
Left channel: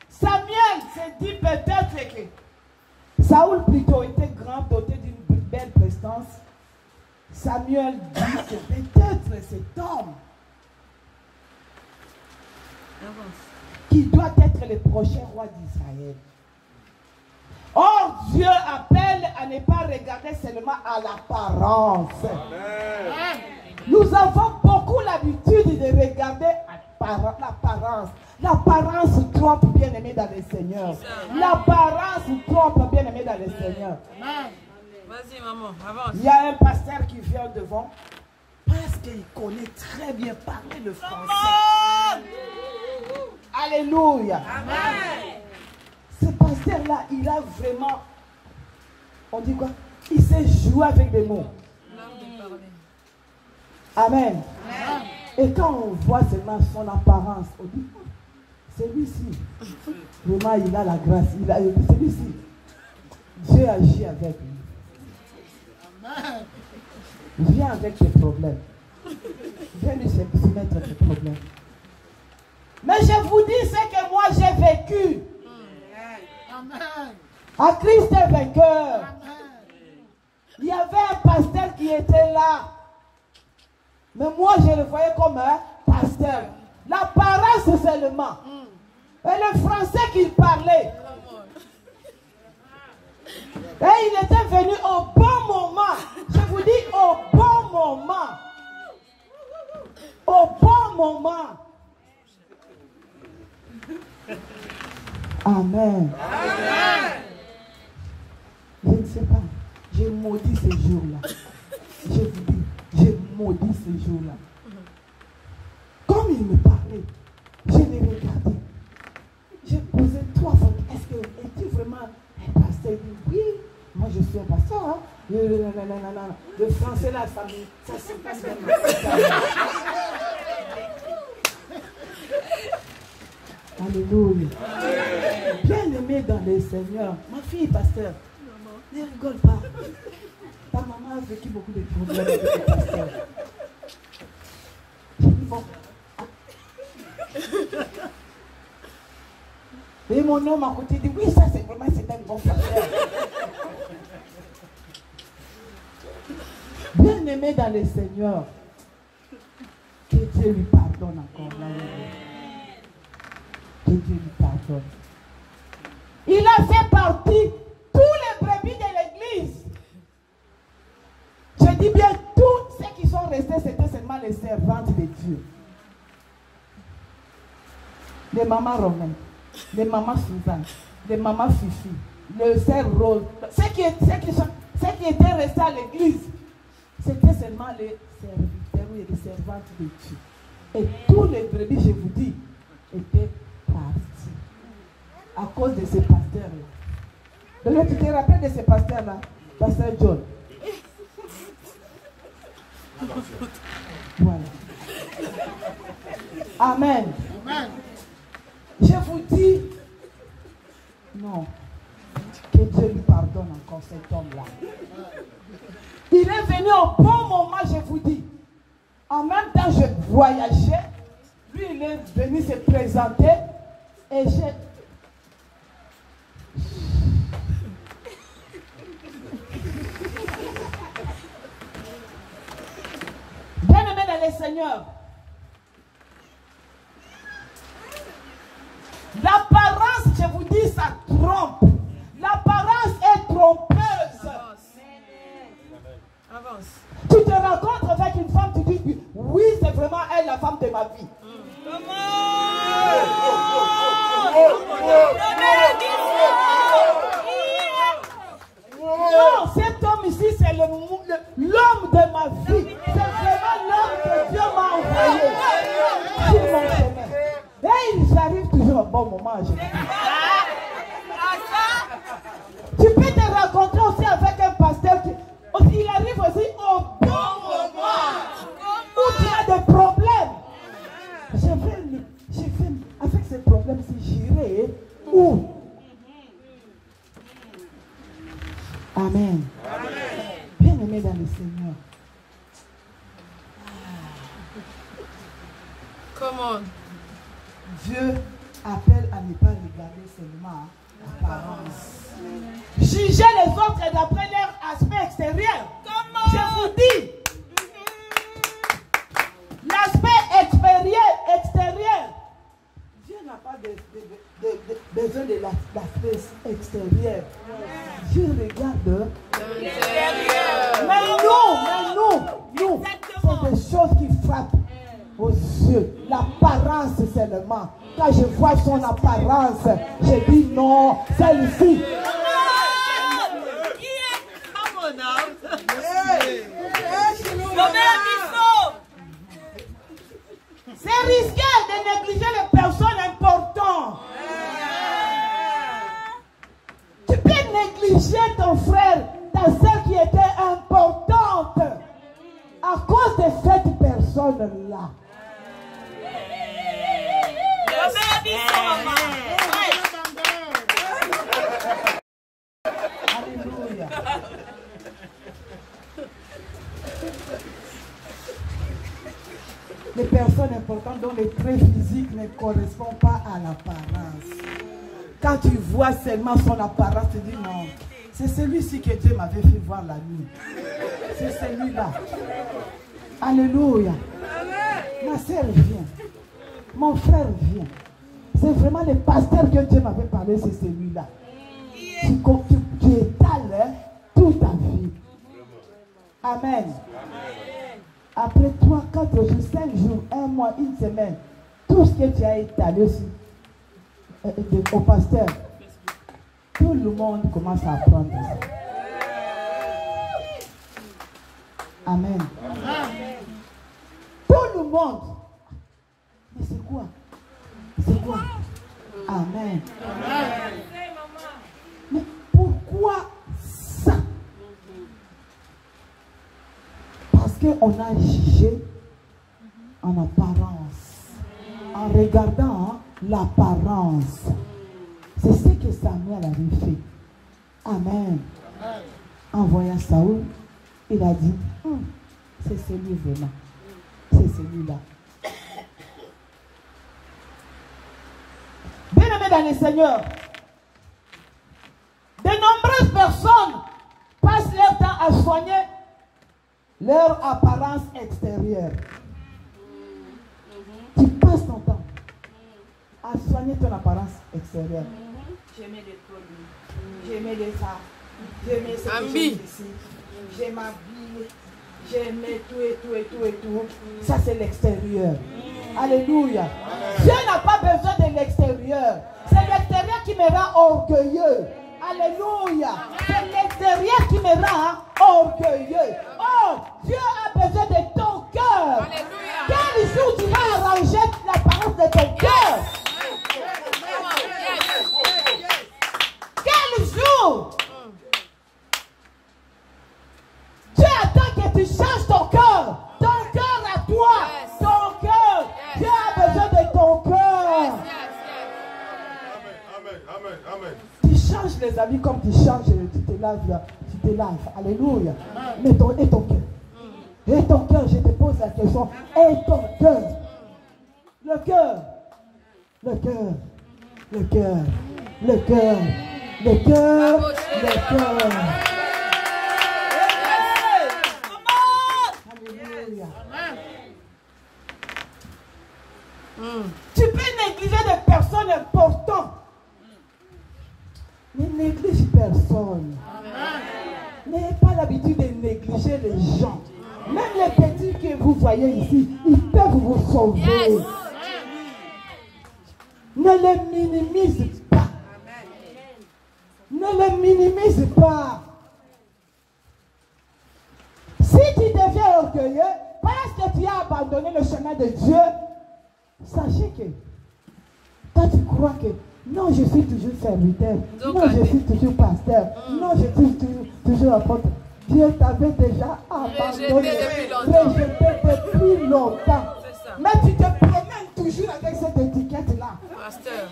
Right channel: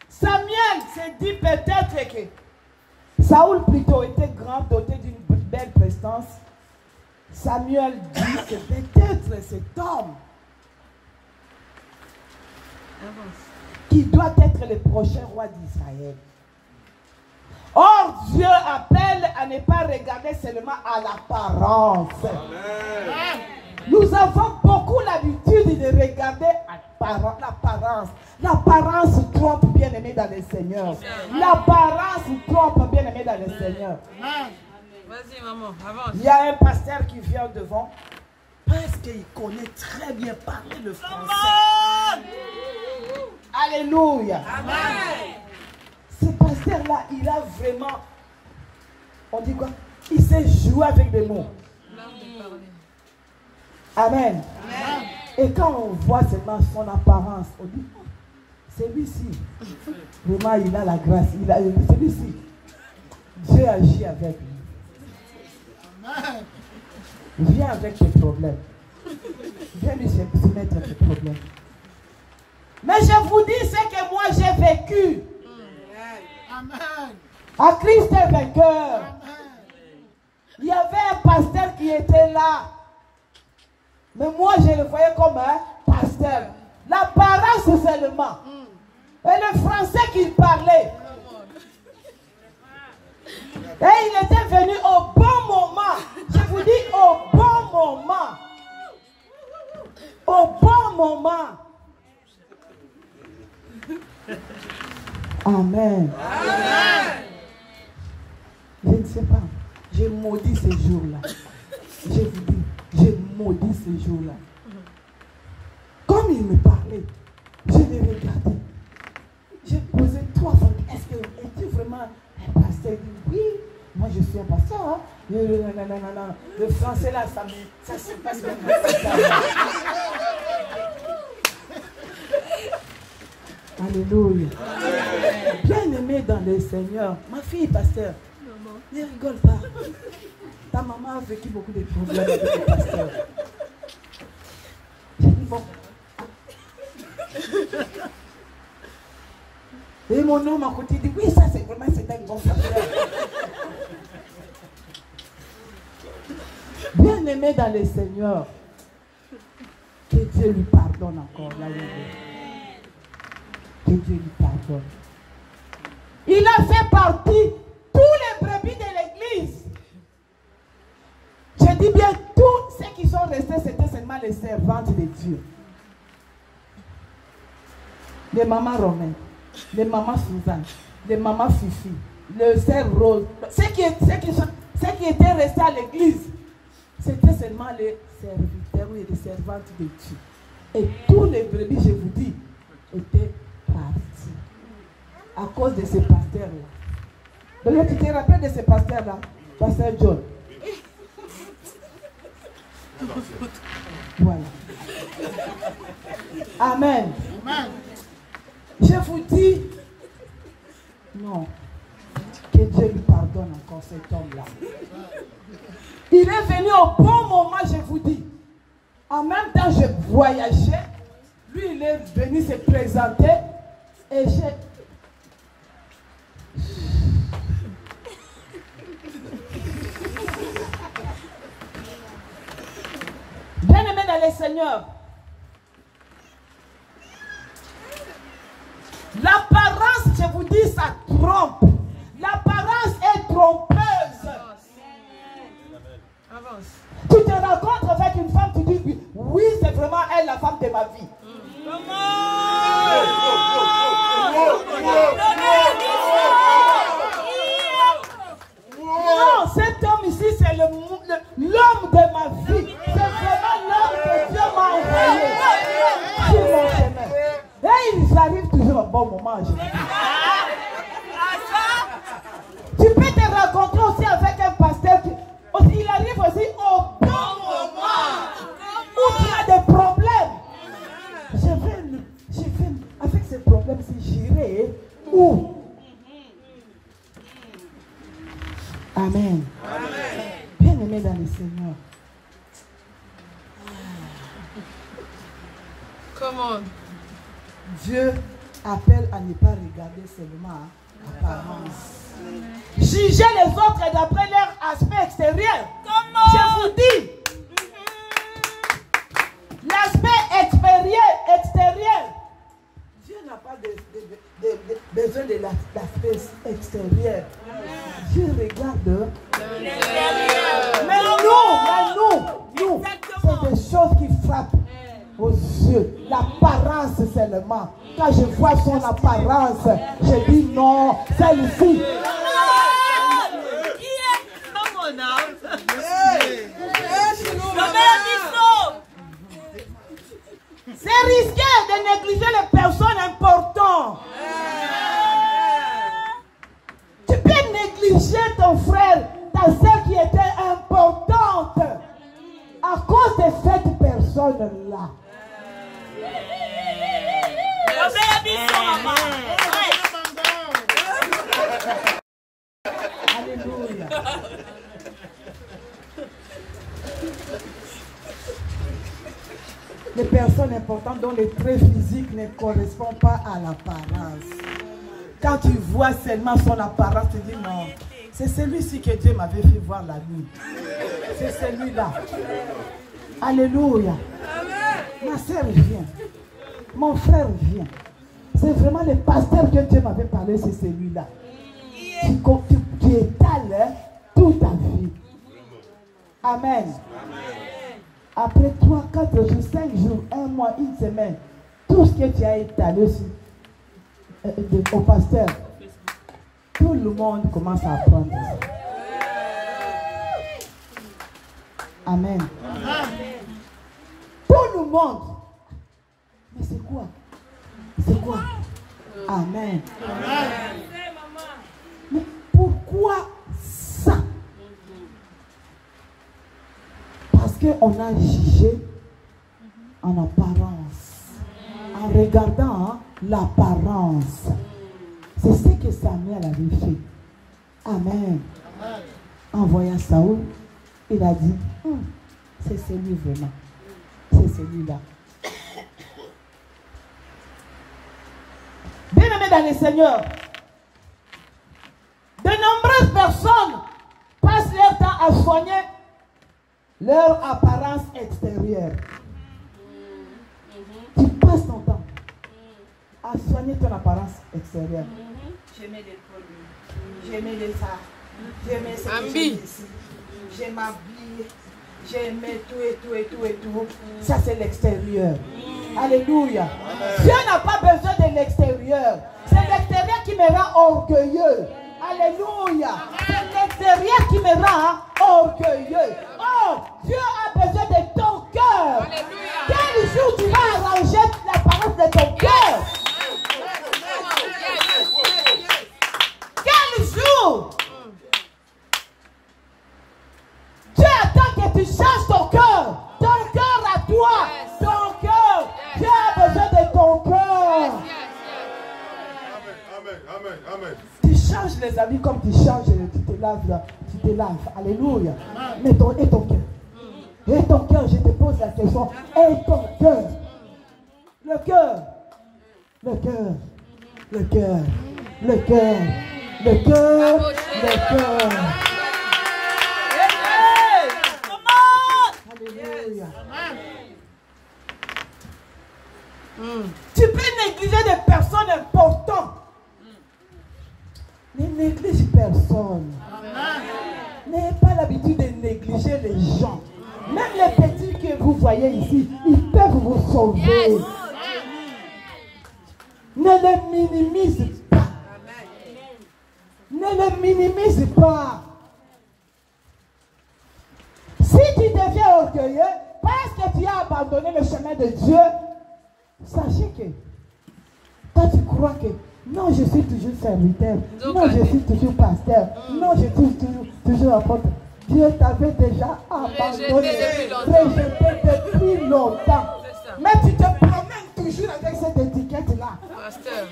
Samuel s'est dit peut-être que Saoul plutôt était grand, doté d'une belle prestance. Samuel dit que peut-être cet homme qui doit être le prochain roi d'Israël. Or, Dieu appelle à ne pas regarder seulement à l'apparence. Nous avons beaucoup l'habitude de regarder l'apparence. L'apparence trompe, bien-aimé dans le Seigneur. L'apparence trompe, bien-aimé dans le Seigneur. Vas-y, maman, avance. Il y a un pasteur qui vient devant parce qu'il connaît très bien parler le français. Alléluia. Ce pasteur-là, il a vraiment, on dit quoi? Il sait jouer avec des mots. Amen. Et quand on voit seulement son apparence, on dit, celui-ci, vraiment, il a la grâce. Celui-ci, Dieu agit avec lui. Viens avec tes problèmes. Viens lui soumettre tes problèmes. Mais je vous dis ce que moi j'ai vécu. Amen. À Christ est vainqueur. Amen. Il y avait un pasteur qui était là. Mais moi je le voyais comme un pasteur. L'apparence seulement. Et le français qu'il parlait. Et il était venu au bon moment. Je vous dis au bon moment. Au bon moment. Amen. Amen. Je ne sais pas. J'ai maudit ces jours-là. Je vous dis, j'ai maudit ces jours-là. Comme il me parlait, je l'ai regardé. J'ai posé 3 fois. Est-ce que es-tu vraiment un pasteur? Il dit oui. Moi je suis un pasteur. Hein? Le français là, ça se passe bien. Alléluia. Bien-aimé dans le Seigneur. Ma fille, pasteur, ne rigole pas. Ta maman a vécu beaucoup de problèmes avec le pasteur. J'ai dit bon. Et mon homme à côté dit oui, ça c'est vraiment un bon pasteur. Bien-aimé dans le Seigneur. Que Dieu lui pardonne encore là où il est. Que Dieu lui pardonne. Il a fait partie tous les brebis de l'église. Je dis bien tous ceux qui sont restés, c'était seulement les servantes de Dieu. Les mamans Romain, les mamans Suzanne, les mamans Fifi, le sœur Rose, ceux qui étaient restés à l'église, c'était seulement les serviteurs et les servantes de Dieu. Et tous les brebis, je vous dis, étaient partis à cause de ces pasteurs-là. Donc tu te rappelles de ces pasteurs-là, pasteur John? Voilà. Amen. Amen. Je vous dis, non, que Dieu lui pardonne encore cet homme-là. Il est venu au bon moment, je vous dis. En même temps, je voyageais. Lui, il est venu se présenter. Et j'ai... Bien-aimé dans le Seigneur, l'apparence, je vous dis, ça trompe. L'apparence est trompeuse. Avance. Tu te rencontres avec une femme, tu dis oui, c'est vraiment elle la femme de ma vie. Non, cet homme ici, c'est l'homme de ma vie. C'est vraiment l'homme que Dieu m'a envoyé sur mon chemin. Et ils arrivent toujours au bon moment. Tu peux te rencontrer aussi avec un pasteur qui il arrive aussi au bon moment où tu as des problèmes. Avec ces problèmes, si j'irai où? Amen. Bien-aimé dans le Seigneur. Comment? Dieu appelle à ne pas regarder seulement l'apparence. Jugez les autres d'après leur aspect extérieur. Je vous dis, l'aspect extérieur, Dieu n'a pas besoin de l'aspect extérieur. Dieu regarde mais nous, c'est des choses qui frappent aux yeux. L'apparence seulement. Quand je vois son apparence, je dis non, celle-ci. C'est risqué de négliger les personnes importantes. Tu peux négliger ton frère, ta soeur qui était importante à cause de cette personne-là. Alléluia. Les personnes importantes dont les traits physiques ne correspondent pas à l'apparence. Quand tu vois seulement son apparence, tu dis non. C'est celui-ci que Dieu m'avait fait voir la nuit. C'est celui-là. Alléluia. Ma soeur vient. Mon frère vient. C'est vraiment le pasteur que Dieu m'avait parlé, c'est celui-là. Tu étales Amen. Après 3, 4 jours, 5 jours, 1 mois, 1 semaine, tout ce que tu as étalé au pasteur, tout le monde commence à apprendre. Amen. Tout le monde. Mais c'est quoi? C'est quoi? Amen. Mais pourquoi ça? Parce qu'on a jugé en apparence. En regardant l'apparence. C'est ce que Samuel avait fait. Amen. En voyant Saoul, il a dit, c'est celui vraiment. C'est celui-là. Bien-aimés dans le Seigneur, de nombreuses personnes passent leur temps à soigner leur apparence extérieure. Tu passes ton temps à soigner ton apparence extérieure. J'aimais les produits, j'aimais les arts, j'aimais ce que j'ai ici, j'aime m'habiller, j'aimais tout et tout et tout et tout. Ça c'est l'extérieur. Alléluia. Dieu n'a pas besoin de l'extérieur. C'est l'extérieur qui me rend orgueilleux. Alléluia. C'est l'extérieur qui me rend orgueilleux. Oh, Dieu a besoin de ton cœur. Quel jour tu vas arranger l'apparence de ton cœur? Quel jour? Dieu attend que tu changes ton cœur. Ton cœur à toi. Ton cœur. Dieu a besoin de ton cœur. Amen. Amen. Tu changes les habits comme tu changes, tu te laves là, tu te laves. Alléluia. Mais ton cœur. Et ton cœur, je te pose la question. Et ton cœur. Le cœur. Le cœur. Le cœur. Le cœur. Le cœur. Le cœur. Alléluia. Tu peux négliger des personnes importantes. Ne néglige personne. N'ayez pas l'habitude de négliger les gens. Même les petits que vous voyez ici, ils peuvent vous sauver. Ne les minimise pas. Ne les minimise pas. Si tu deviens orgueilleux, parce que tu as abandonné le chemin de Dieu, sachez que toi tu crois que non, je suis toujours serviteur. Non, je suis toujours pasteur. Non, je suis toujours apôtre. Dieu t'avait déjà abandonné, rejeté depuis longtemps. Mais tu te promènes toujours avec cette étiquette-là. Pasteur.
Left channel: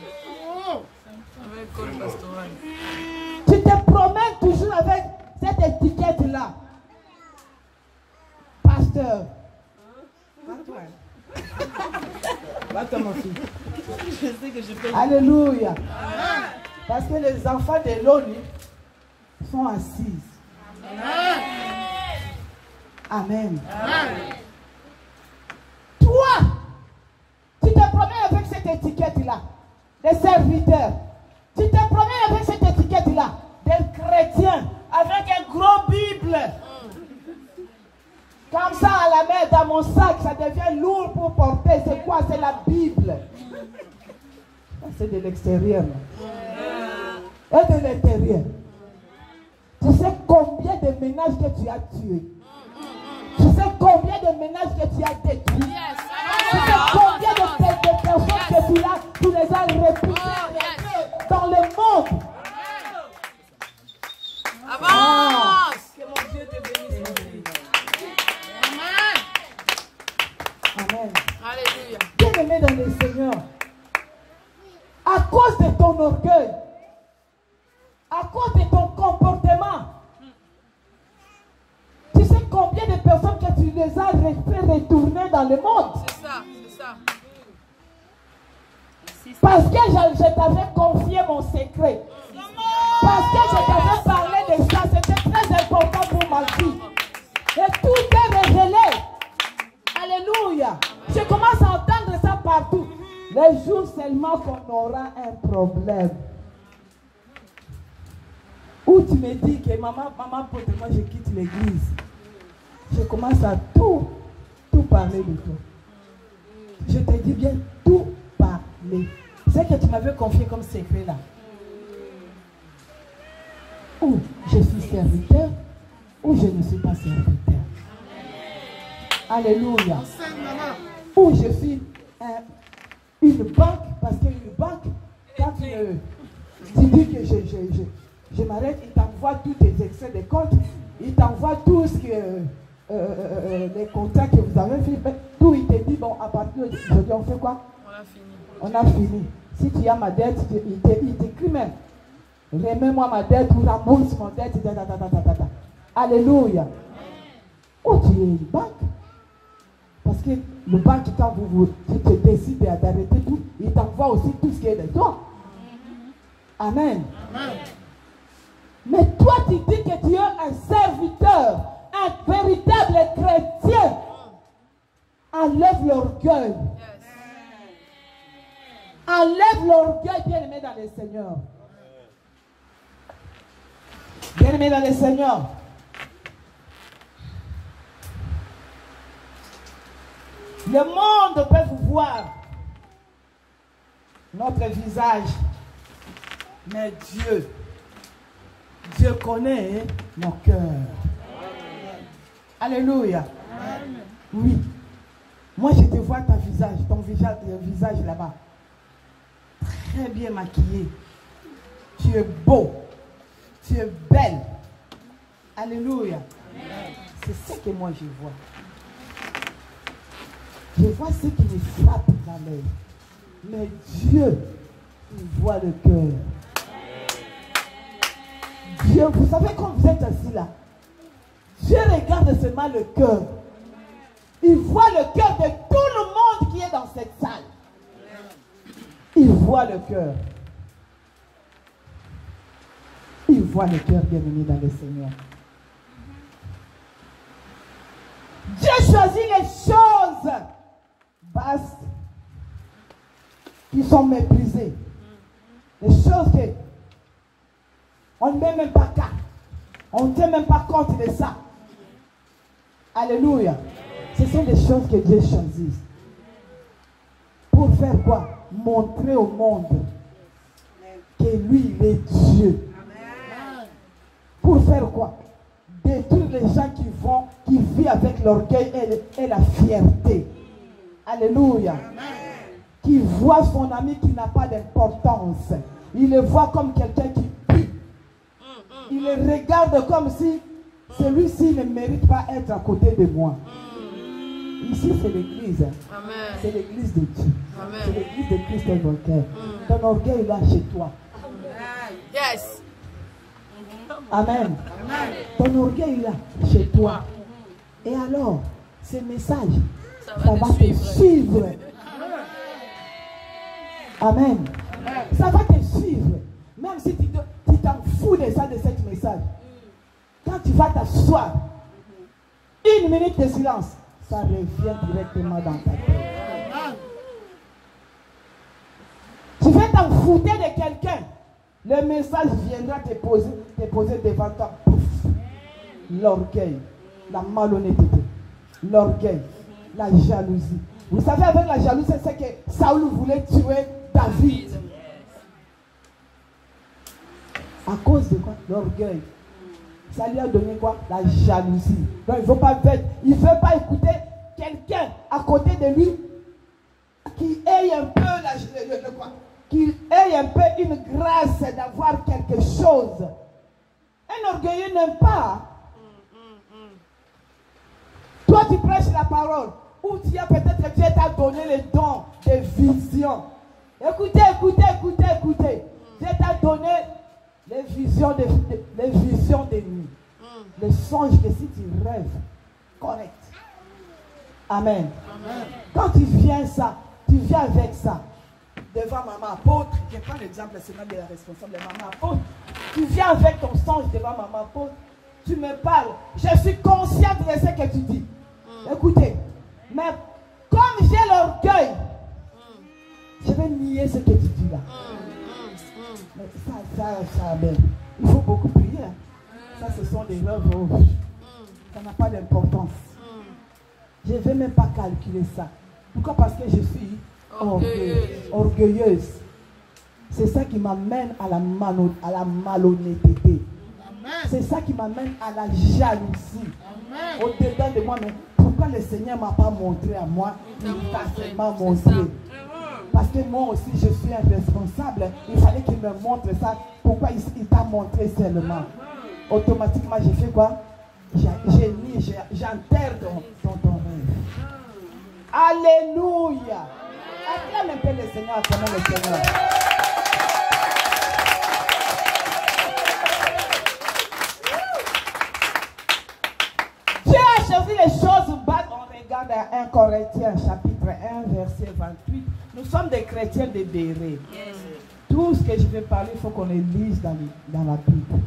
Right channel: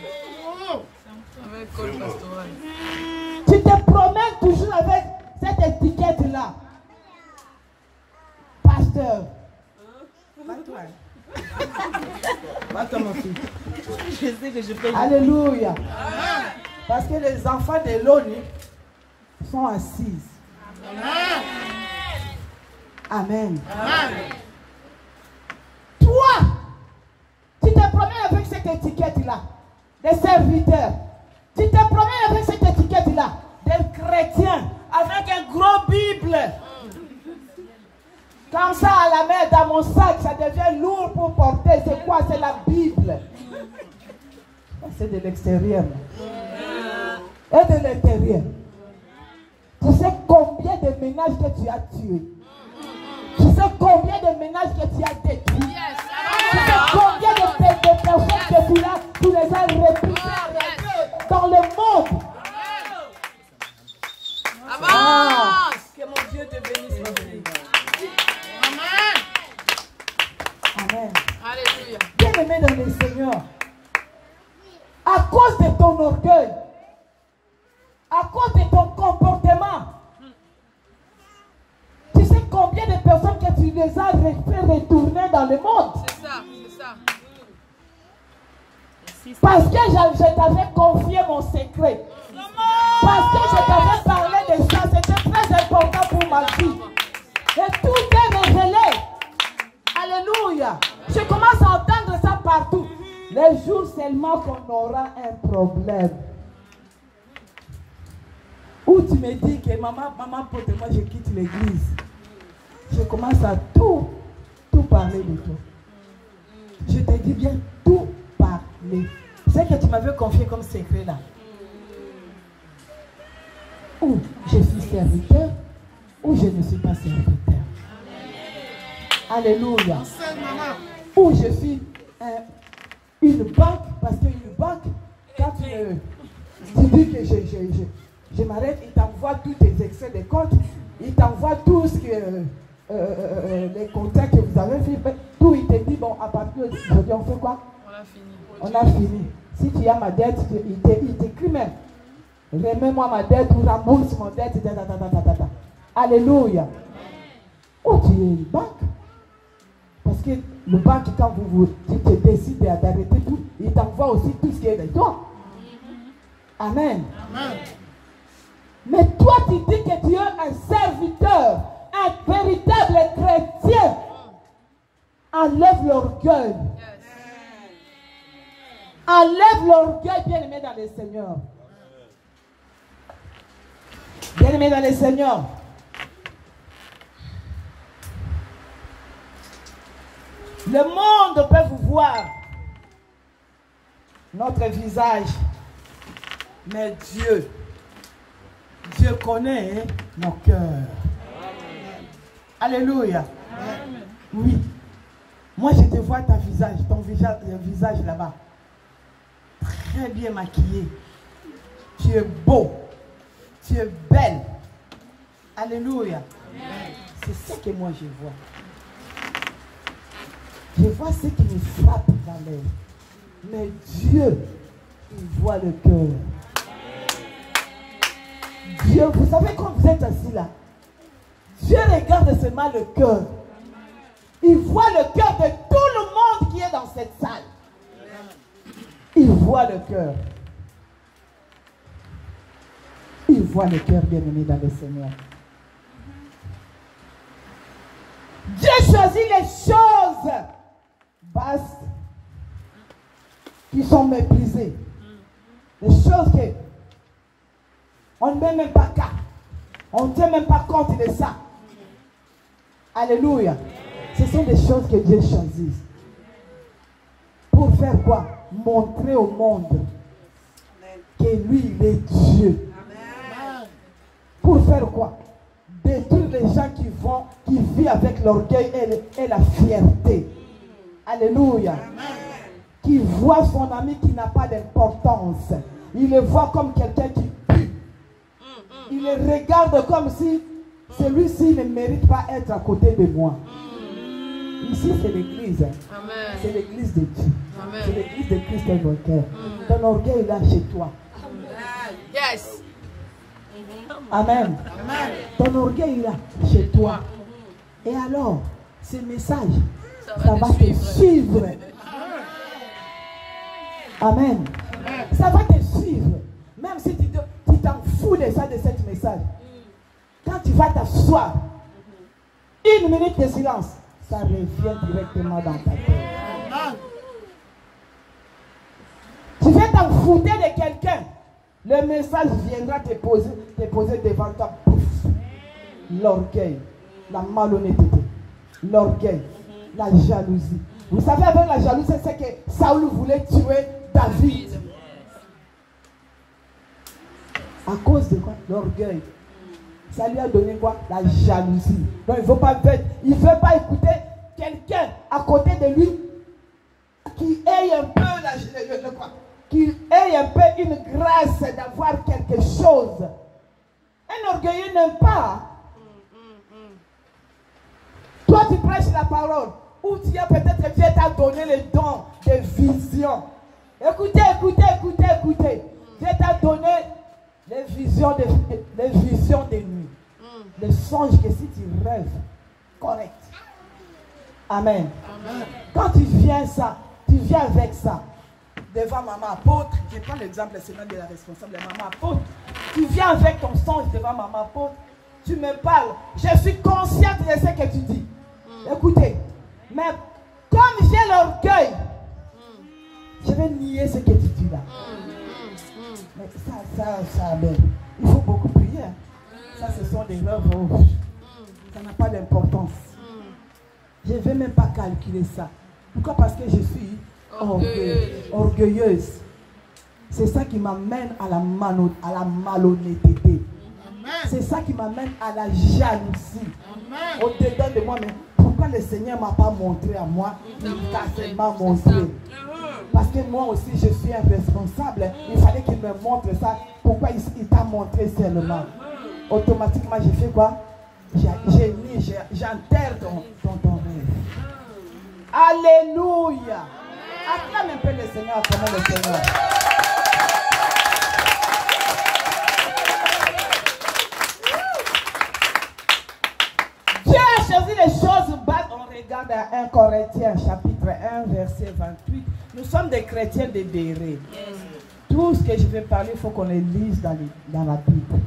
Avec col pastoral. Tu te promènes toujours avec cette étiquette-là. Pasteur. Va-toi, mon fils. Je sais que je peux. Alléluia. Parce que les enfants de l'ONU sont assis. Amen. Toi, tu te promènes avec cette étiquette-là. Des serviteurs. Tu te promènes avec cette étiquette-là. Des chrétiens. Avec un gros Bible. Comme ça à la main, dans mon sac, ça devient lourd pour porter. C'est quoi? C'est la Bible. C'est de l'extérieur. Et de l'intérieur. Tu sais combien de ménages que tu as tués? Tu sais combien de ménages que tu as détruits? Tu sais combien de personnes que tu les as repoussées dans le monde? Avance! Que mon Dieu te bénisse, mon Dieu. Amen. Alléluia. Bien-aimé dans le Seigneur, à cause de ton orgueil, à cause de ton comportement, tu sais combien de personnes que tu les as fait retourner dans le monde? C'est ça, c'est ça. Parce que je t'avais confié mon secret. Parce que je t'avais parlé de ça. C'était très important pour ma vie. Et tout est révélé. Alléluia. Je commence à entendre ça partout. Les jours seulement qu'on aura un problème. Où tu me dis que maman, pour moi je quitte l'église. je commence à tout parler de tout. Je te dis bien tout parler. C'est que tu m'avais confié comme secret là. Ou je suis serviteur, ou je ne suis pas serviteur. Alléluia. Ou je suis une banque, parce qu'une banque, quand tu dis que je m'arrête, il t'envoie tous tes extraits de compte, il t'envoie tout ce que les contrats que vous avez fait, tout, il te dit, bon, à partir d'aujourd'hui, on fait quoi? On a fini. Si tu as ma dette, il t'écrit même. Remets-moi ma dette ou rembourse mon dette. Alléluia. Ou tu es une banque. Parce que le banque, quand tu te décides d'arrêter tout, il t'envoie aussi tout ce qui est de toi. Amen. Amen. Mais toi, tu dis que tu es un serviteur, un véritable chrétien. Enlève l'orgueil. Enlève l'orgueil, bien-aimé dans le Seigneur. Bien-aimé dans le Seigneur. Le monde peut vous voir notre visage, mais Dieu connaît nos cœurs. Alléluia. Amen. Oui. Moi, je te vois ton visage là-bas. Très bien maquillé. Tu es beau. Tu es belle. Alléluia. C'est ce que moi je vois. Je vois ce qui me frappe dans l'œil. Mais Dieu, il voit le cœur. Dieu, vous savez quand vous êtes assis là, Dieu regarde seulement le cœur. Il voit le cœur de tout le monde qui est dans cette salle. Il voit le cœur. Il voit le cœur, bien-aimé dans le Seigneur. Dieu choisit les choses basses qui sont méprisées. Les choses que on ne met même pas cas. On ne tient même pas compte de ça. Alléluia. Ce sont des choses que Dieu choisit. Pour faire quoi? Montrer au monde que lui, il est Dieu. Pour faire quoi? Détruire les gens qui vivent avec l'orgueil et la fierté. Alléluia. Qui voit son ami qui n'a pas d'importance. Il le voit comme quelqu'un qui pue. Il le regarde comme si celui-ci ne mérite pas être à côté de moi. Ici, c'est l'église. C'est l'église de Dieu. C'est l'église de Christ Invoqueur. Ton orgueil est là chez toi. Yes. Amen. Ton orgueil est là chez toi. Et alors, ces messages, ça va te suivre. Amen. Ça va te suivre. Même si tu t'en fous de ça, de ce message. Quand tu vas t'asseoir, 1 minute de silence, ça revient directement dans ta tête. Tu vas t'en foutre de quelqu'un. Le message viendra te poser devant toi. Pouf. L'orgueil, la malhonnêteté, l'orgueil, la jalousie. Vous savez, avec la jalousie, c'est que Saül voulait tuer David. À cause de quoi? L'orgueil. Ça lui a donné quoi? La jalousie. Donc il ne veut pas écouter quelqu'un à côté de lui qui ait un peu qu'il ait un peu une grâce d'avoir quelque chose. Un orgueilleux n'aime pas. Toi, tu prêches la parole. Ou tu as peut-être Dieu t'a donné le don de vision. Écoutez. Dieu t'a donné les visions de nuit. Les songes que si tu rêves, correct. Amen. Quand tu viens avec ça, devant maman apôtre, je prends l'exemple seulement de la responsable de maman apôtre. Tu viens avec ton songe devant maman apôtre, tu me parles. Je suis consciente de ce que tu dis. Écoutez, mais comme j'ai l'orgueil, je vais nier ce que tu dis là. Mais ça, il faut beaucoup prier. Ça, ce sont des lèvres rouges. ça n'a pas d'importance. Je ne vais même pas calculer ça. Pourquoi? Parce que je suis orgueilleuse. C'est ça qui m'amène à la malhonnêteté. C'est ça qui m'amène à la jalousie. Au-dedans de moi, mais pourquoi le Seigneur ne m'a pas montré à moi? Il t'a seulement montré. Parce que moi aussi, je suis un responsable. Il fallait qu'il me montre ça. Pourquoi il t'a montré seulement? Automatiquement, j'ai fait quoi? J'enterre ton rêve. Alléluia. Acclame un peu le Seigneur, acclame le Seigneur. Dieu a choisi les choses basses. On regarde à 1 Corinthiens chapitre 1 verset 28. Nous sommes des chrétiens dédérés. Tout ce que je vais parler, il faut qu'on les lise dans la Bible.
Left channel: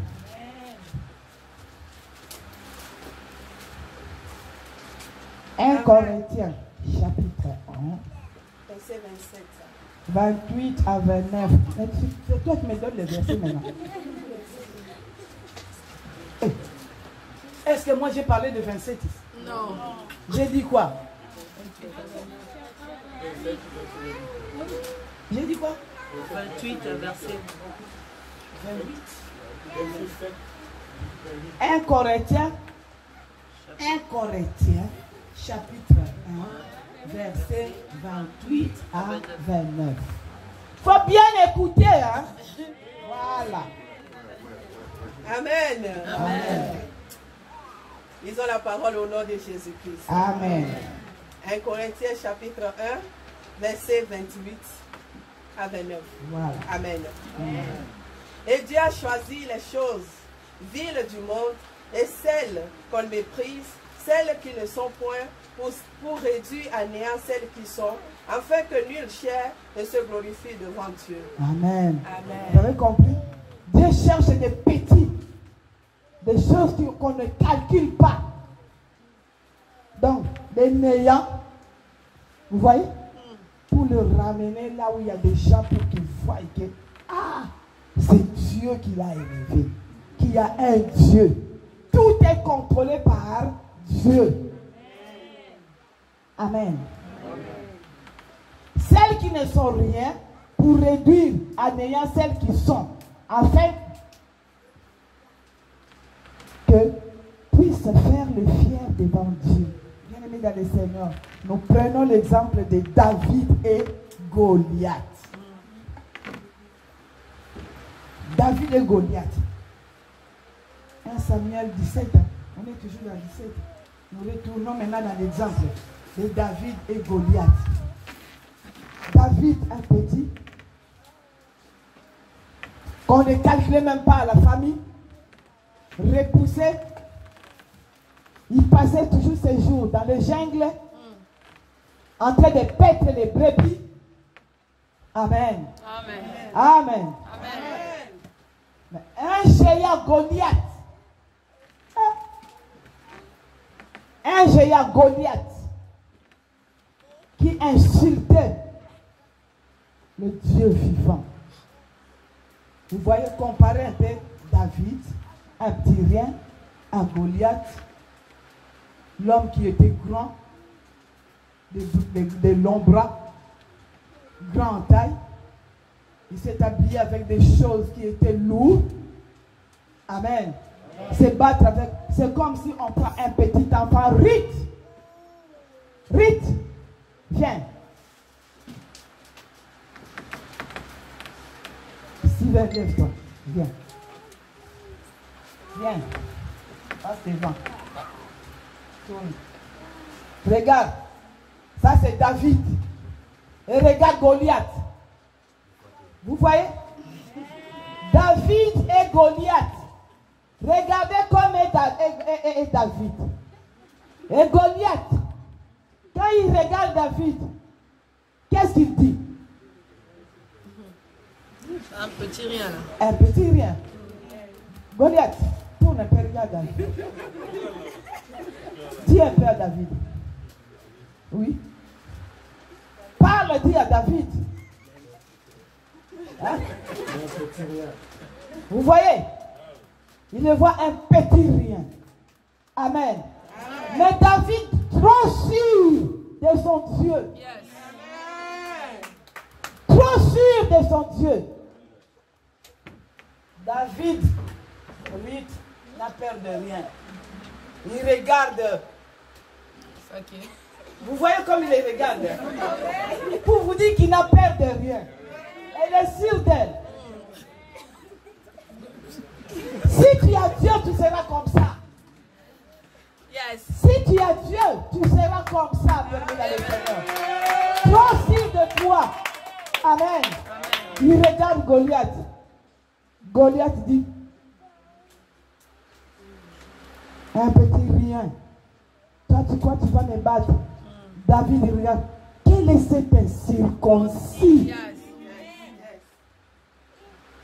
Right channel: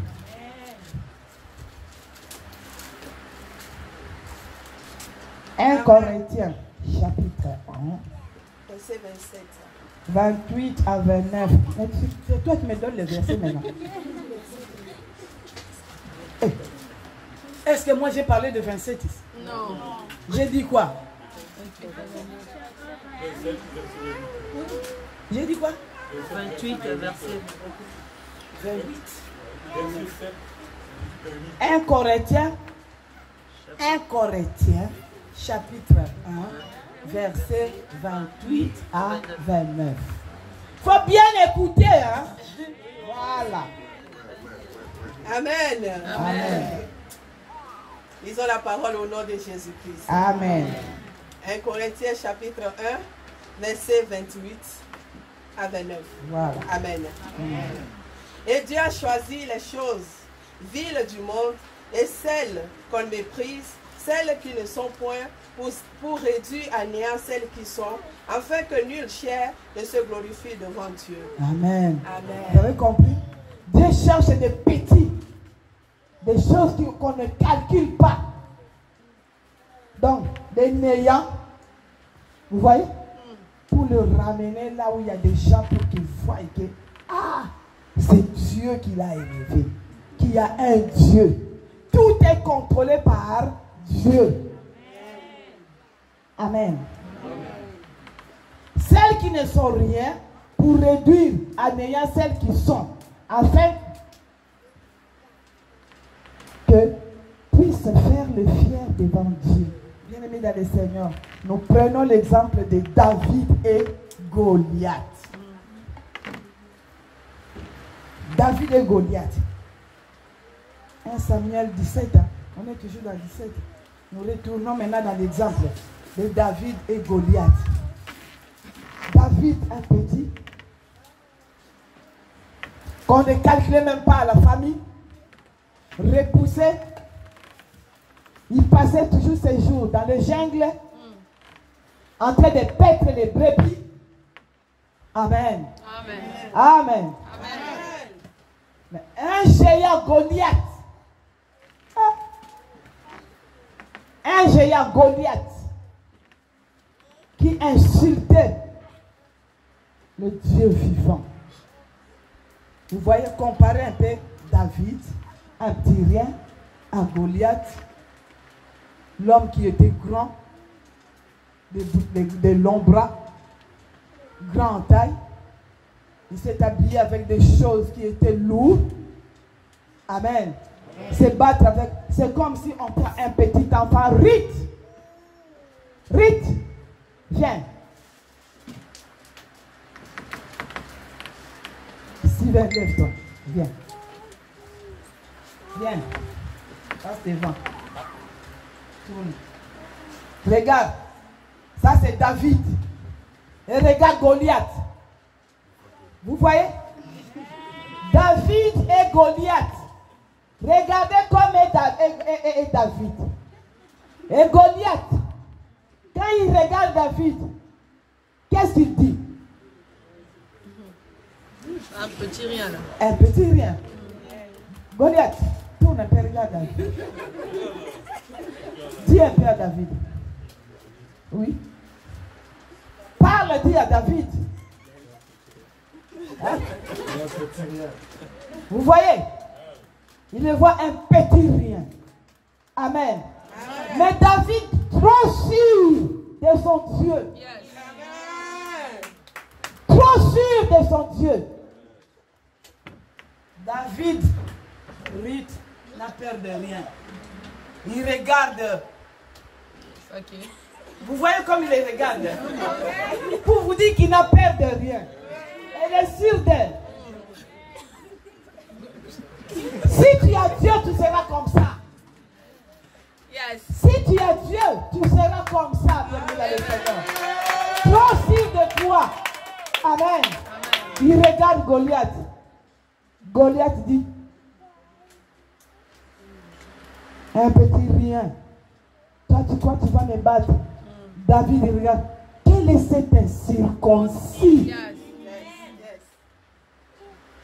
Un Corinthiens chapitre 1 verset 27. 28 à 29. C'est toi qui me donnes les versets maintenant. Est-ce que moi j'ai parlé de 27 ici? Non. J'ai dit quoi? J'ai dit quoi? 28 verset 28. 1 Corinthiens chapitre 1 verset 28 à 29. Faut bien écouter, hein? Voilà. Amen. Amen. Lisons la parole au nom de Jésus-Christ. Amen. 1 Corinthiens chapitre 1, verset 28 à 29. Voilà. Amen. Amen. Et Dieu a choisi les choses viles du monde et celles qu'on méprise, celles qui ne sont point, pour réduire à néant celles qui sont, afin que nulle chair ne se glorifie devant Dieu. Amen. Amen. Vous avez compris? Dieu cherche des petits, des choses qu'on ne calcule pas. Donc, des néants, vous voyez? Pour le ramener là où il y a des gens pour qu'ils voient que, c'est Dieu qui l'a élevé. Qu'il y a un Dieu. Tout est contrôlé par Dieu. Amen. Celles qui ne sont rien, pour réduire à néant celles qui sont, afin que puissent faire le fier devant Dieu. Bien-aimés dans le Seigneur, nous prenons l'exemple de David et Goliath. David et Goliath. 1 Samuel 17. On est toujours dans 17. Nous retournons maintenant dans l'exemple de David et Goliath. David, un petit, qu'on ne calculait même pas à la famille, repoussé, il passait toujours ses jours dans le jungle, en train de paître les brebis. Amen. Amen. Amen. Amen. Mais un géant Goliath, qui insultait le Dieu vivant. Vous voyez, comparer un peu David, un petit rien, à Goliath, l'homme qui était grand, de longs bras, grand en taille. Il s'est habillé avec des choses qui étaient lourdes. Amen. Se battre avec, c'est comme si on prend un petit enfant, Rite, viens. Steven, lève-toi, viens. Viens, passe devant. Tourne. Regarde, ça c'est David. Et regarde Goliath. Vous voyez? David et Goliath. Regardez comme est David. Et Goliath, quand il regarde David, qu'est-ce qu'il dit? Un petit rien là. Un petit rien. Goliath, tourne un peu, regarde David. Dis un peu à David. Oui. Parle, dis à David. Hein? Vous voyez? Il le voit un petit rien. Amen. Mais David, trop sûr de son Dieu. Trop sûr de son Dieu. David, lui, n'a peur de rien. Il regarde. Ok. Vous voyez comme il les regarde. Pour vous dire qu'il n'a peur de rien. Elle est sûre d'elle. Si tu as Dieu, tu seras comme ça. Yes. Si tu as Dieu, tu seras comme ça. Trop sûr de toi. Amen. Il regarde Goliath. Goliath dit, un petit rien. Toi, tu crois que tu vas me battre? David regarde. Quel est cet incirconcis? Yes.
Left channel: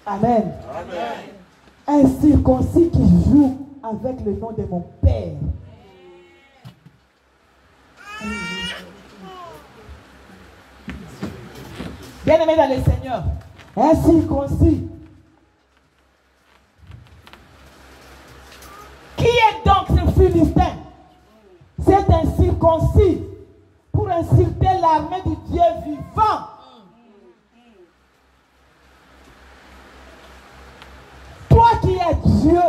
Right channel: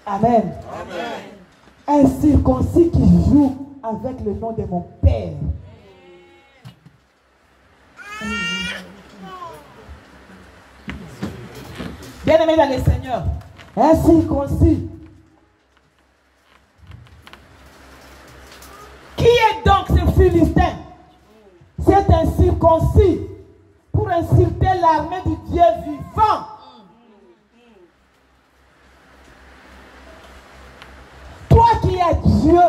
Amen. Un circoncis qui joue avec le nom de mon Père. Bien-aimé dans le Seigneur, un circoncis. Qui est donc ce Philistin? C'est un circoncis pour insulter l'armée du Dieu vivant. Toi qui as Dieu,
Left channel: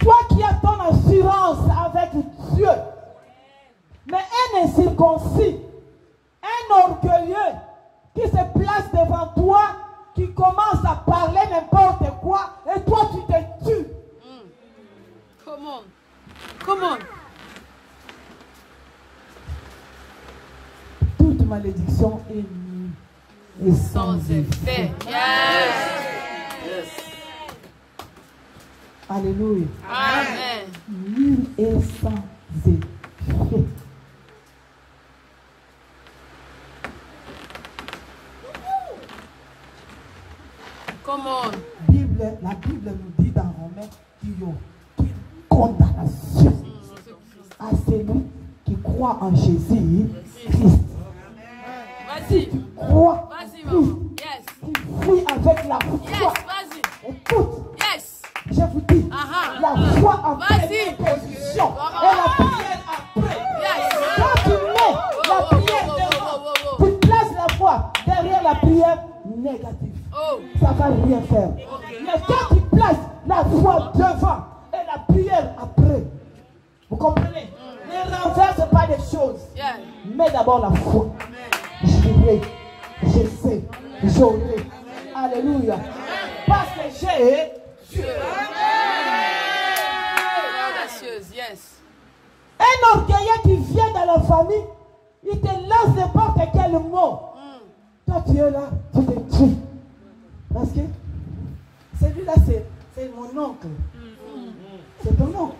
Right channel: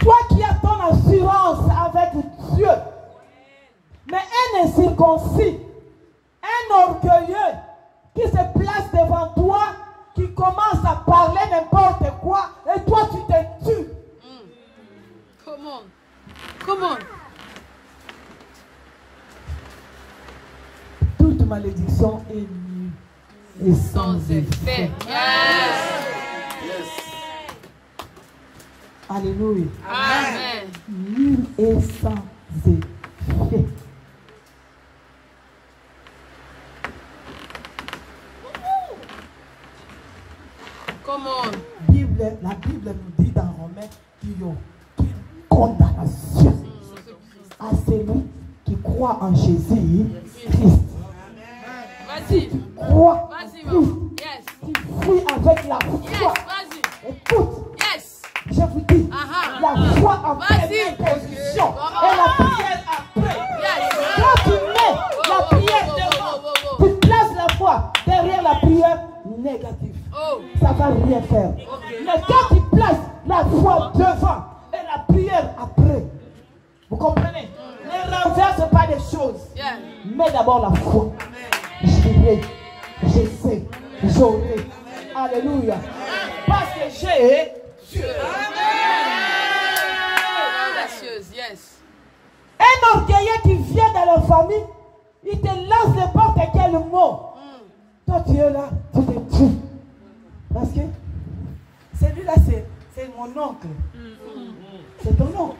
toi qui as ton assurance avec Dieu, mais un incirconcis, un orgueilleux qui se place devant toi, qui commence à parler n'importe quoi, et toi tu te tues. Come on. Toute malédiction est nulle et sans effet. Yes. Alléluia. Amen. Nul et sans effet. Come on. La Bible nous dit dans Romains qu'il y a une condamnation à celui qui croit en Jésus Christ. Vas-y. Crois, Vas-y, maman. Yes. tu fuis avec la Yes. foi. Vas-y. Écoute, Yes. je vous dis, Aha. la foi en Vas-y. première position et la prière après. Yes. Quand tu mets la prière devant, tu places la foi derrière la prière négative. Oh. Ça ne va rien faire. Mais quand tu places la foi devant et la prière après, vous comprenez? Ne renverse pas les choses. Yeah. Mets d'abord la foi. J'irai, je sais, j'aurai. Alléluia. Parce que j'ai Dieu. Audacieuse. Yes. Un orgueilleux qui vient dans la famille, il te lance n'importe quel mot. Toi tu es là, tu te tues. Parce que celui-là c'est mon oncle. C'est ton oncle.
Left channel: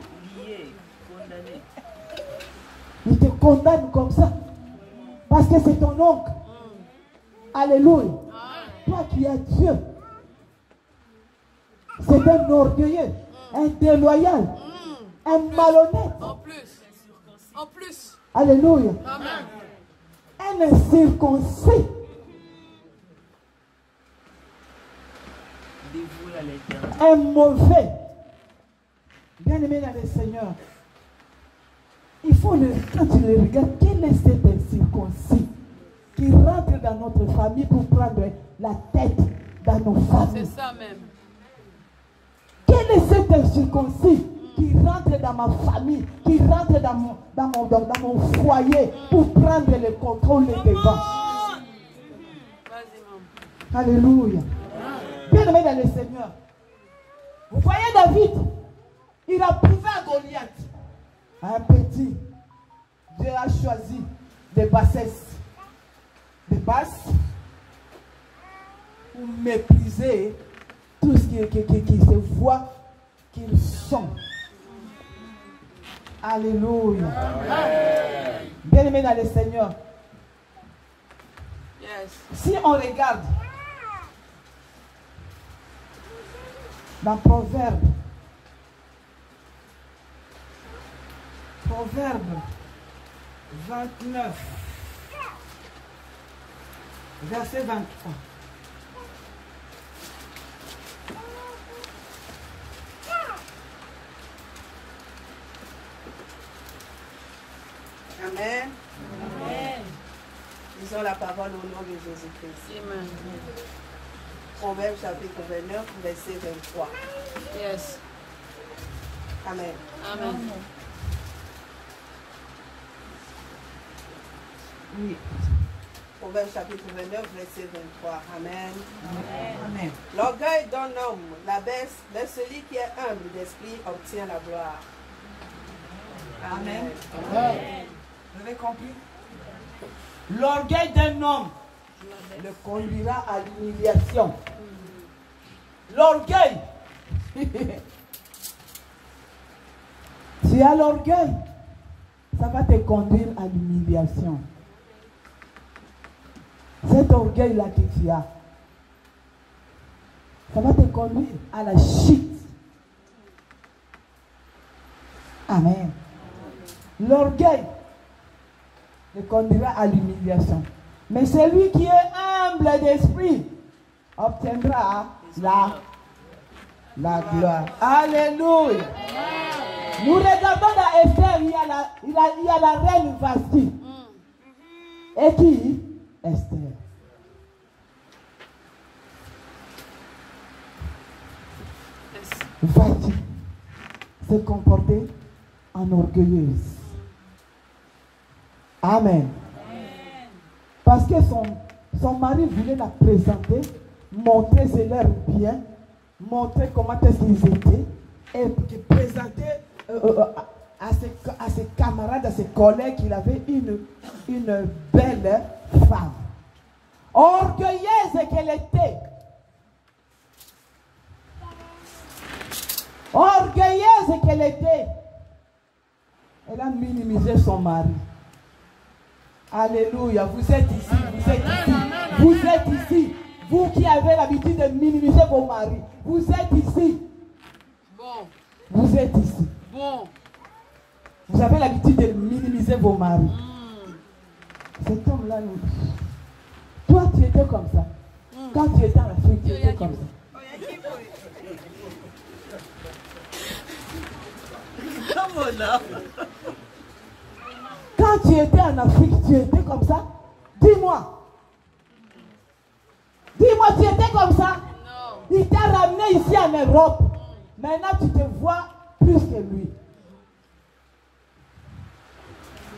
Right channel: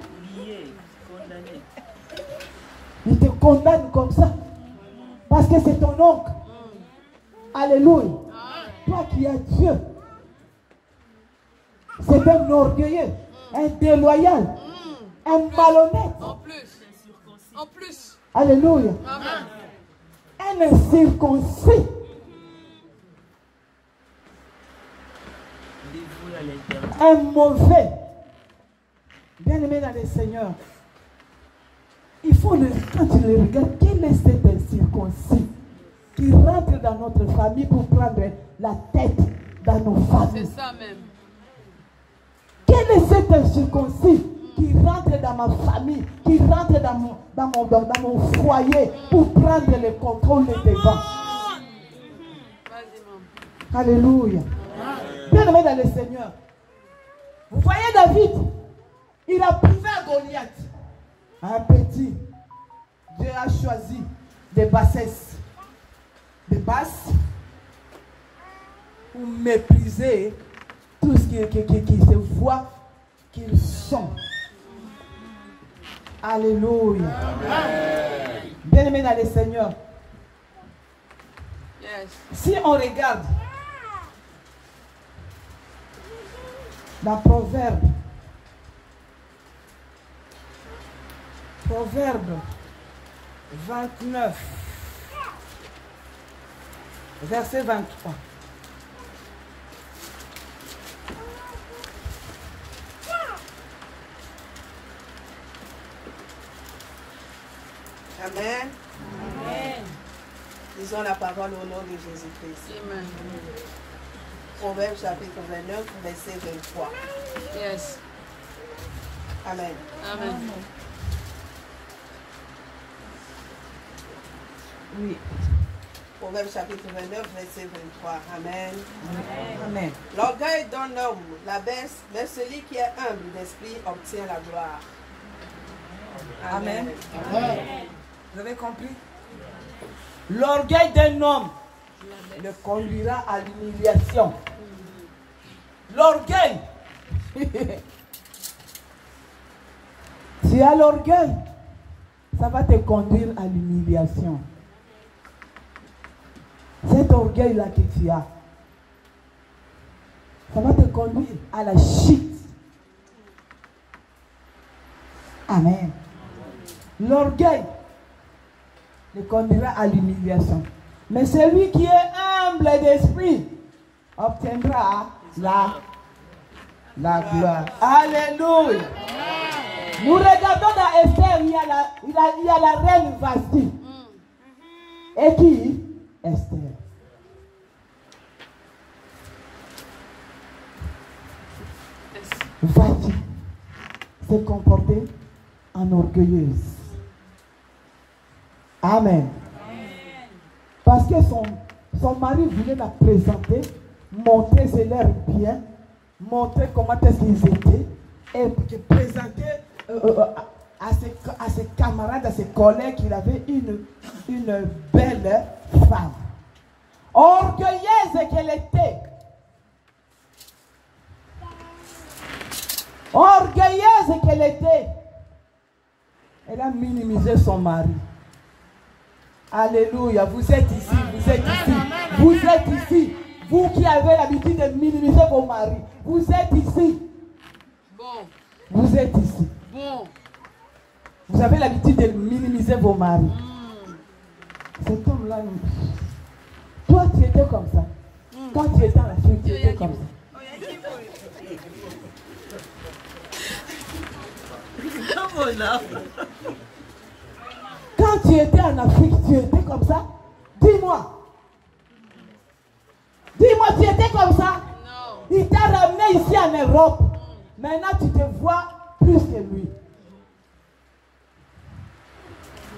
Il te condamne comme ça. Parce que c'est ton oncle. Alléluia. Toi qui as Dieu. C'est un orgueilleux, un déloyal, un malhonnête. En plus. Alléluia. Amen. Un incirconcis. Un mauvais. Bien-aimé dans le Seigneur. Il faut quand tu le regardes, quel est cet incirconcis qui rentre dans notre famille pour prendre la tête dans nos familles? C'est ça même. Quel est cet incirconcis qui rentre dans ma famille, qui rentre dans mon foyer pour prendre le contrôle des devants? Vas-y, maman. Alléluia. Bien-aimé dans le Seigneur. Vous voyez David, il a prouvé à Goliath. Un petit, Dieu a choisi des bassesses, des basses, pour mépriser tout ce qui se voit qu'ils sont. Alléluia. Bien-aimé dans le Seigneur. Yes. Si on regarde dans Proverbe 29, verset 23. Amen. Disons la parole au nom de Jésus-Christ. Amen. Proverbe chapitre 29, verset 23. Yes. Amen. Amen. Oui. Proverbe chapitre 29, verset 23. Amen. Amen. L'orgueil d'un homme l'abaisse, mais celui qui est humble d'esprit obtient la gloire. Amen. Amen. Vous avez compris? L'orgueil d'un homme le conduira à l'humiliation. L'orgueil. Tu as l'orgueil, ça va te conduire à l'humiliation. Cet orgueil-là que tu as, ça va te conduire à la chute. Amen. L'orgueil te conduira à l'humiliation. Mais celui qui est humble d'esprit obtiendra la gloire. Alléluia. Nous regardons dans Esther, il y a la reine Vasti. Et qui? Esther. Vasti s'est comportée en orgueilleuse. Amen. Parce que son mari voulait la présenter, montrer ses leurs bien, montrer comment est-ce qu'ils étaient, et présenter à ses camarades, à ses collègues qu'il avait une belle femme. Orgueilleuse qu'elle était. Orgueilleuse qu'elle était. Elle a minimisé son mari. Alléluia, vous êtes ici, vous êtes ici, vous êtes ici. Vous qui avez l'habitude de minimiser vos maris, vous êtes ici. Bon. Vous êtes ici. Bon. Vous avez l'habitude de minimiser vos maris. Cet homme-là, toi tu étais comme ça. Quand tu étais en Afrique, tu étais comme ça. Quand tu étais en Afrique, tu étais comme ça. Dis-moi. Dis-moi, tu étais comme ça. Non. Il t'a ramené ici en Europe. Maintenant, tu te vois plus que lui.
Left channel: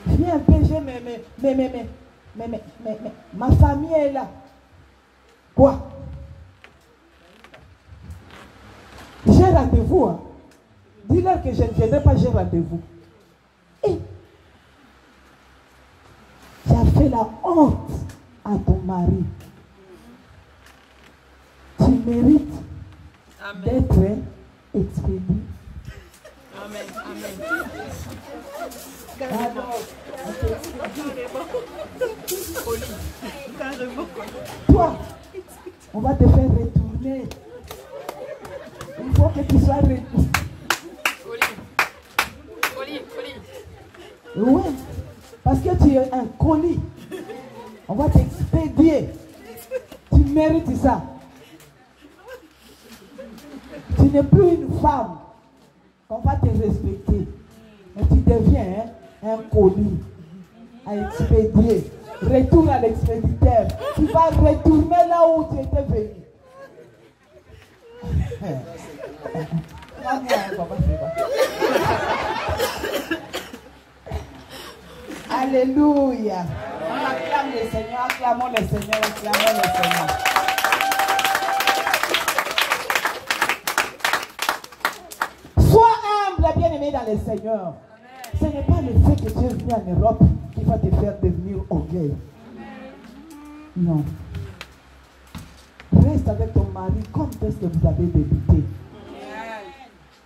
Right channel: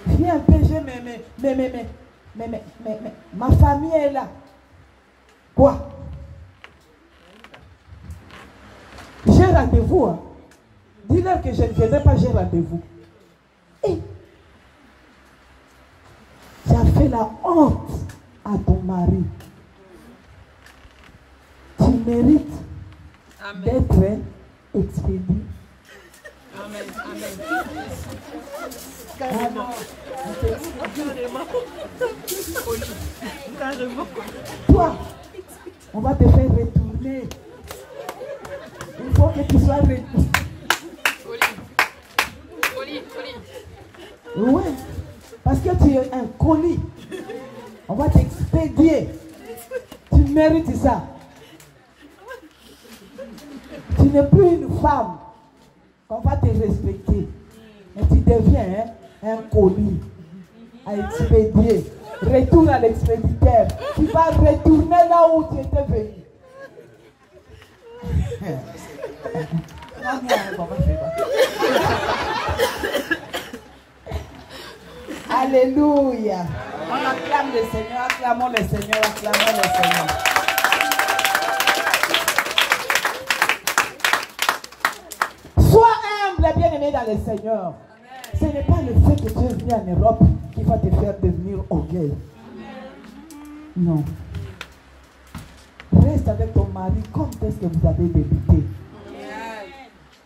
Viens un peu, mais, ma famille est là. Quoi? J'ai rendez-vous. Hein. Dis-leur que je ne viendrai pas, j'ai rendez-vous. Et tu as fait la honte à ton mari. Tu mérites d'être expédié. Amen. Amen. Carrément. Toi, on va te faire retourner. Il faut que tu sois retourné. Colis. Oui, parce que tu es un colis. On va t'expédier. Tu mérites ça. Tu n'es plus une femme. On va te respecter. Mais tu deviens un colis à expédier. Retourne à l'expéditeur. Tu vas retourner là où tu étais venu. Alléluia. On acclame le Seigneur, acclamons le Seigneur, acclamons le Seigneur. Sois humble, bien-aimé dans le Seigneur. Ce n'est pas le fait que tu es venu en Europe qui va te faire devenir orgueil. Non. Reste avec ton mari comme est-ce que vous avez débuté.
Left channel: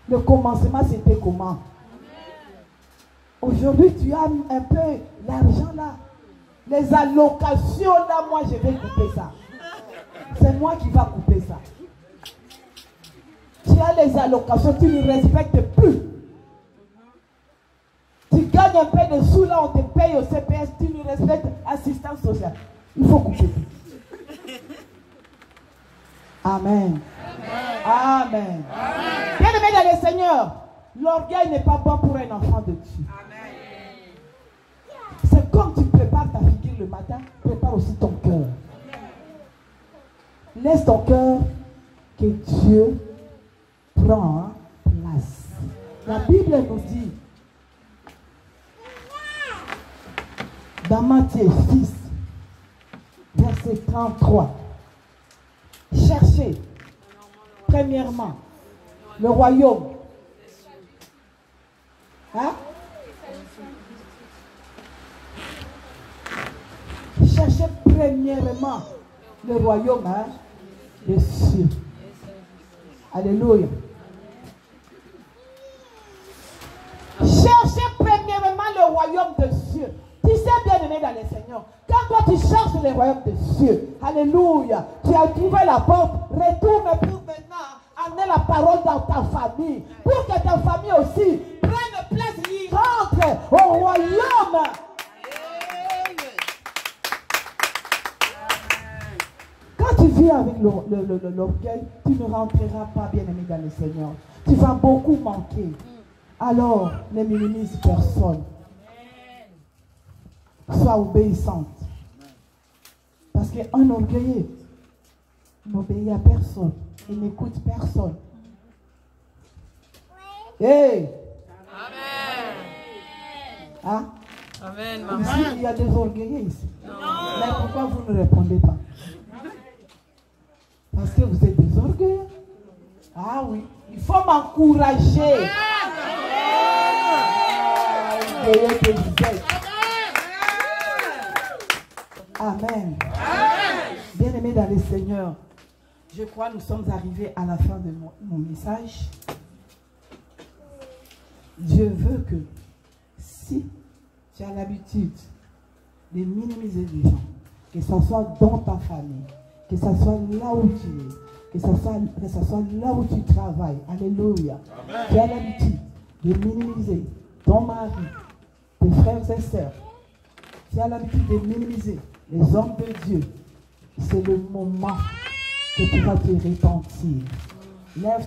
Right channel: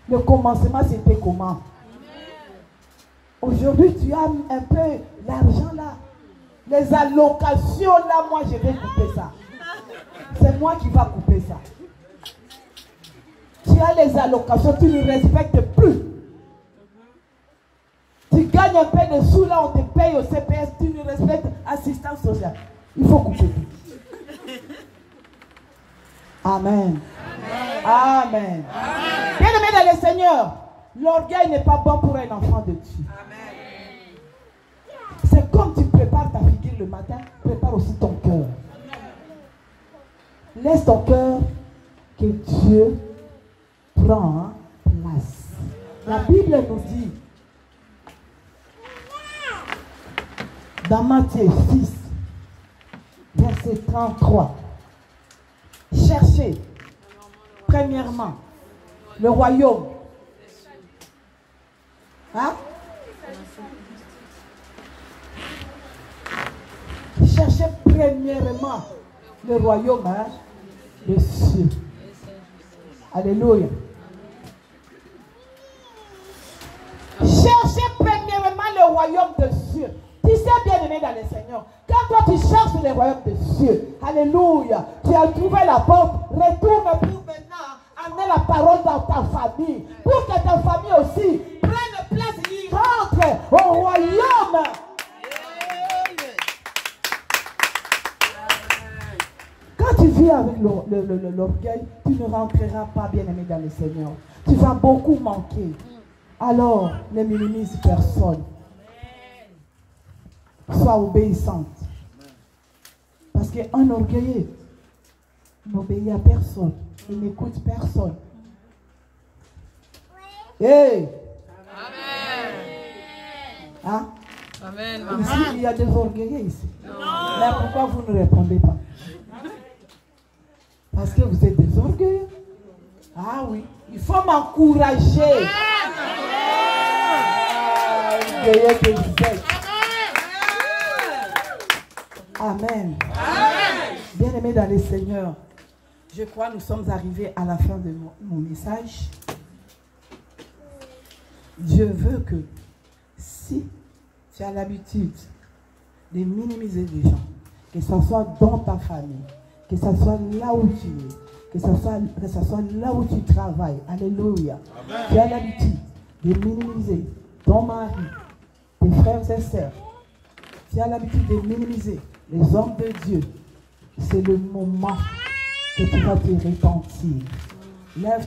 Le commencement, c'était comment? Aujourd'hui, tu as un peu l'argent là. Les allocations là, moi, je vais couper ça. C'est moi qui va couper ça. Tu as les allocations, tu ne respectes plus. Tu gagnes un peu de sous là, on te paye au CPS, tu ne respectes assistance sociale. Il faut couper. Amen. Amen. Bien-aimé dans le Seigneur, l'orgueil n'est pas bon pour un enfant de Dieu. depuis le matin, prépare aussi ton cœur. Laisse ton cœur que Dieu prend place. La Bible nous dit, dans Matthieu 6, verset 33, cherchez premièrement le royaume. Hein? Cherchez premièrement le royaume des cieux. Alléluia. Cherchez premièrement le royaume des cieux. Tu sais, bien aimé dans le Seigneur, quand toi tu cherches le royaume des cieux, alléluia, tu as trouvé la porte, retourne pour maintenant amener la parole dans ta famille, pour que ta famille aussi prenne place et rentre au royaume. Quand tu vis avec l'orgueil, tu ne rentreras pas, bien aimé dans le Seigneur. Tu vas beaucoup manquer. Alors, ne minimise personne. Sois obéissante. Parce qu'un orgueilleux n'obéit à personne. Il n'écoute personne. Hey! Hein? Amen. Ici, il y a des orgueilleux ici. Mais pourquoi vous ne répondez pas? Parce que vous êtes des orgueilleux. Ah oui. Il faut m'encourager. Orgueilleux que vous êtes. Amen. Bien-aimés dans le Seigneur, je crois que nous sommes arrivés à la fin de mon message. Dieu veut que si tu as l'habitude de minimiser les gens, que ce soit dans ta famille, que ce soit là où tu es, que ce soit là où tu travailles, alléluia. Amen. Tu as l'habitude de minimiser ton mari, tes frères et sœurs. Tu as l'habitude de minimiser les hommes de Dieu. C'est le moment que tu vas te repentir. Lève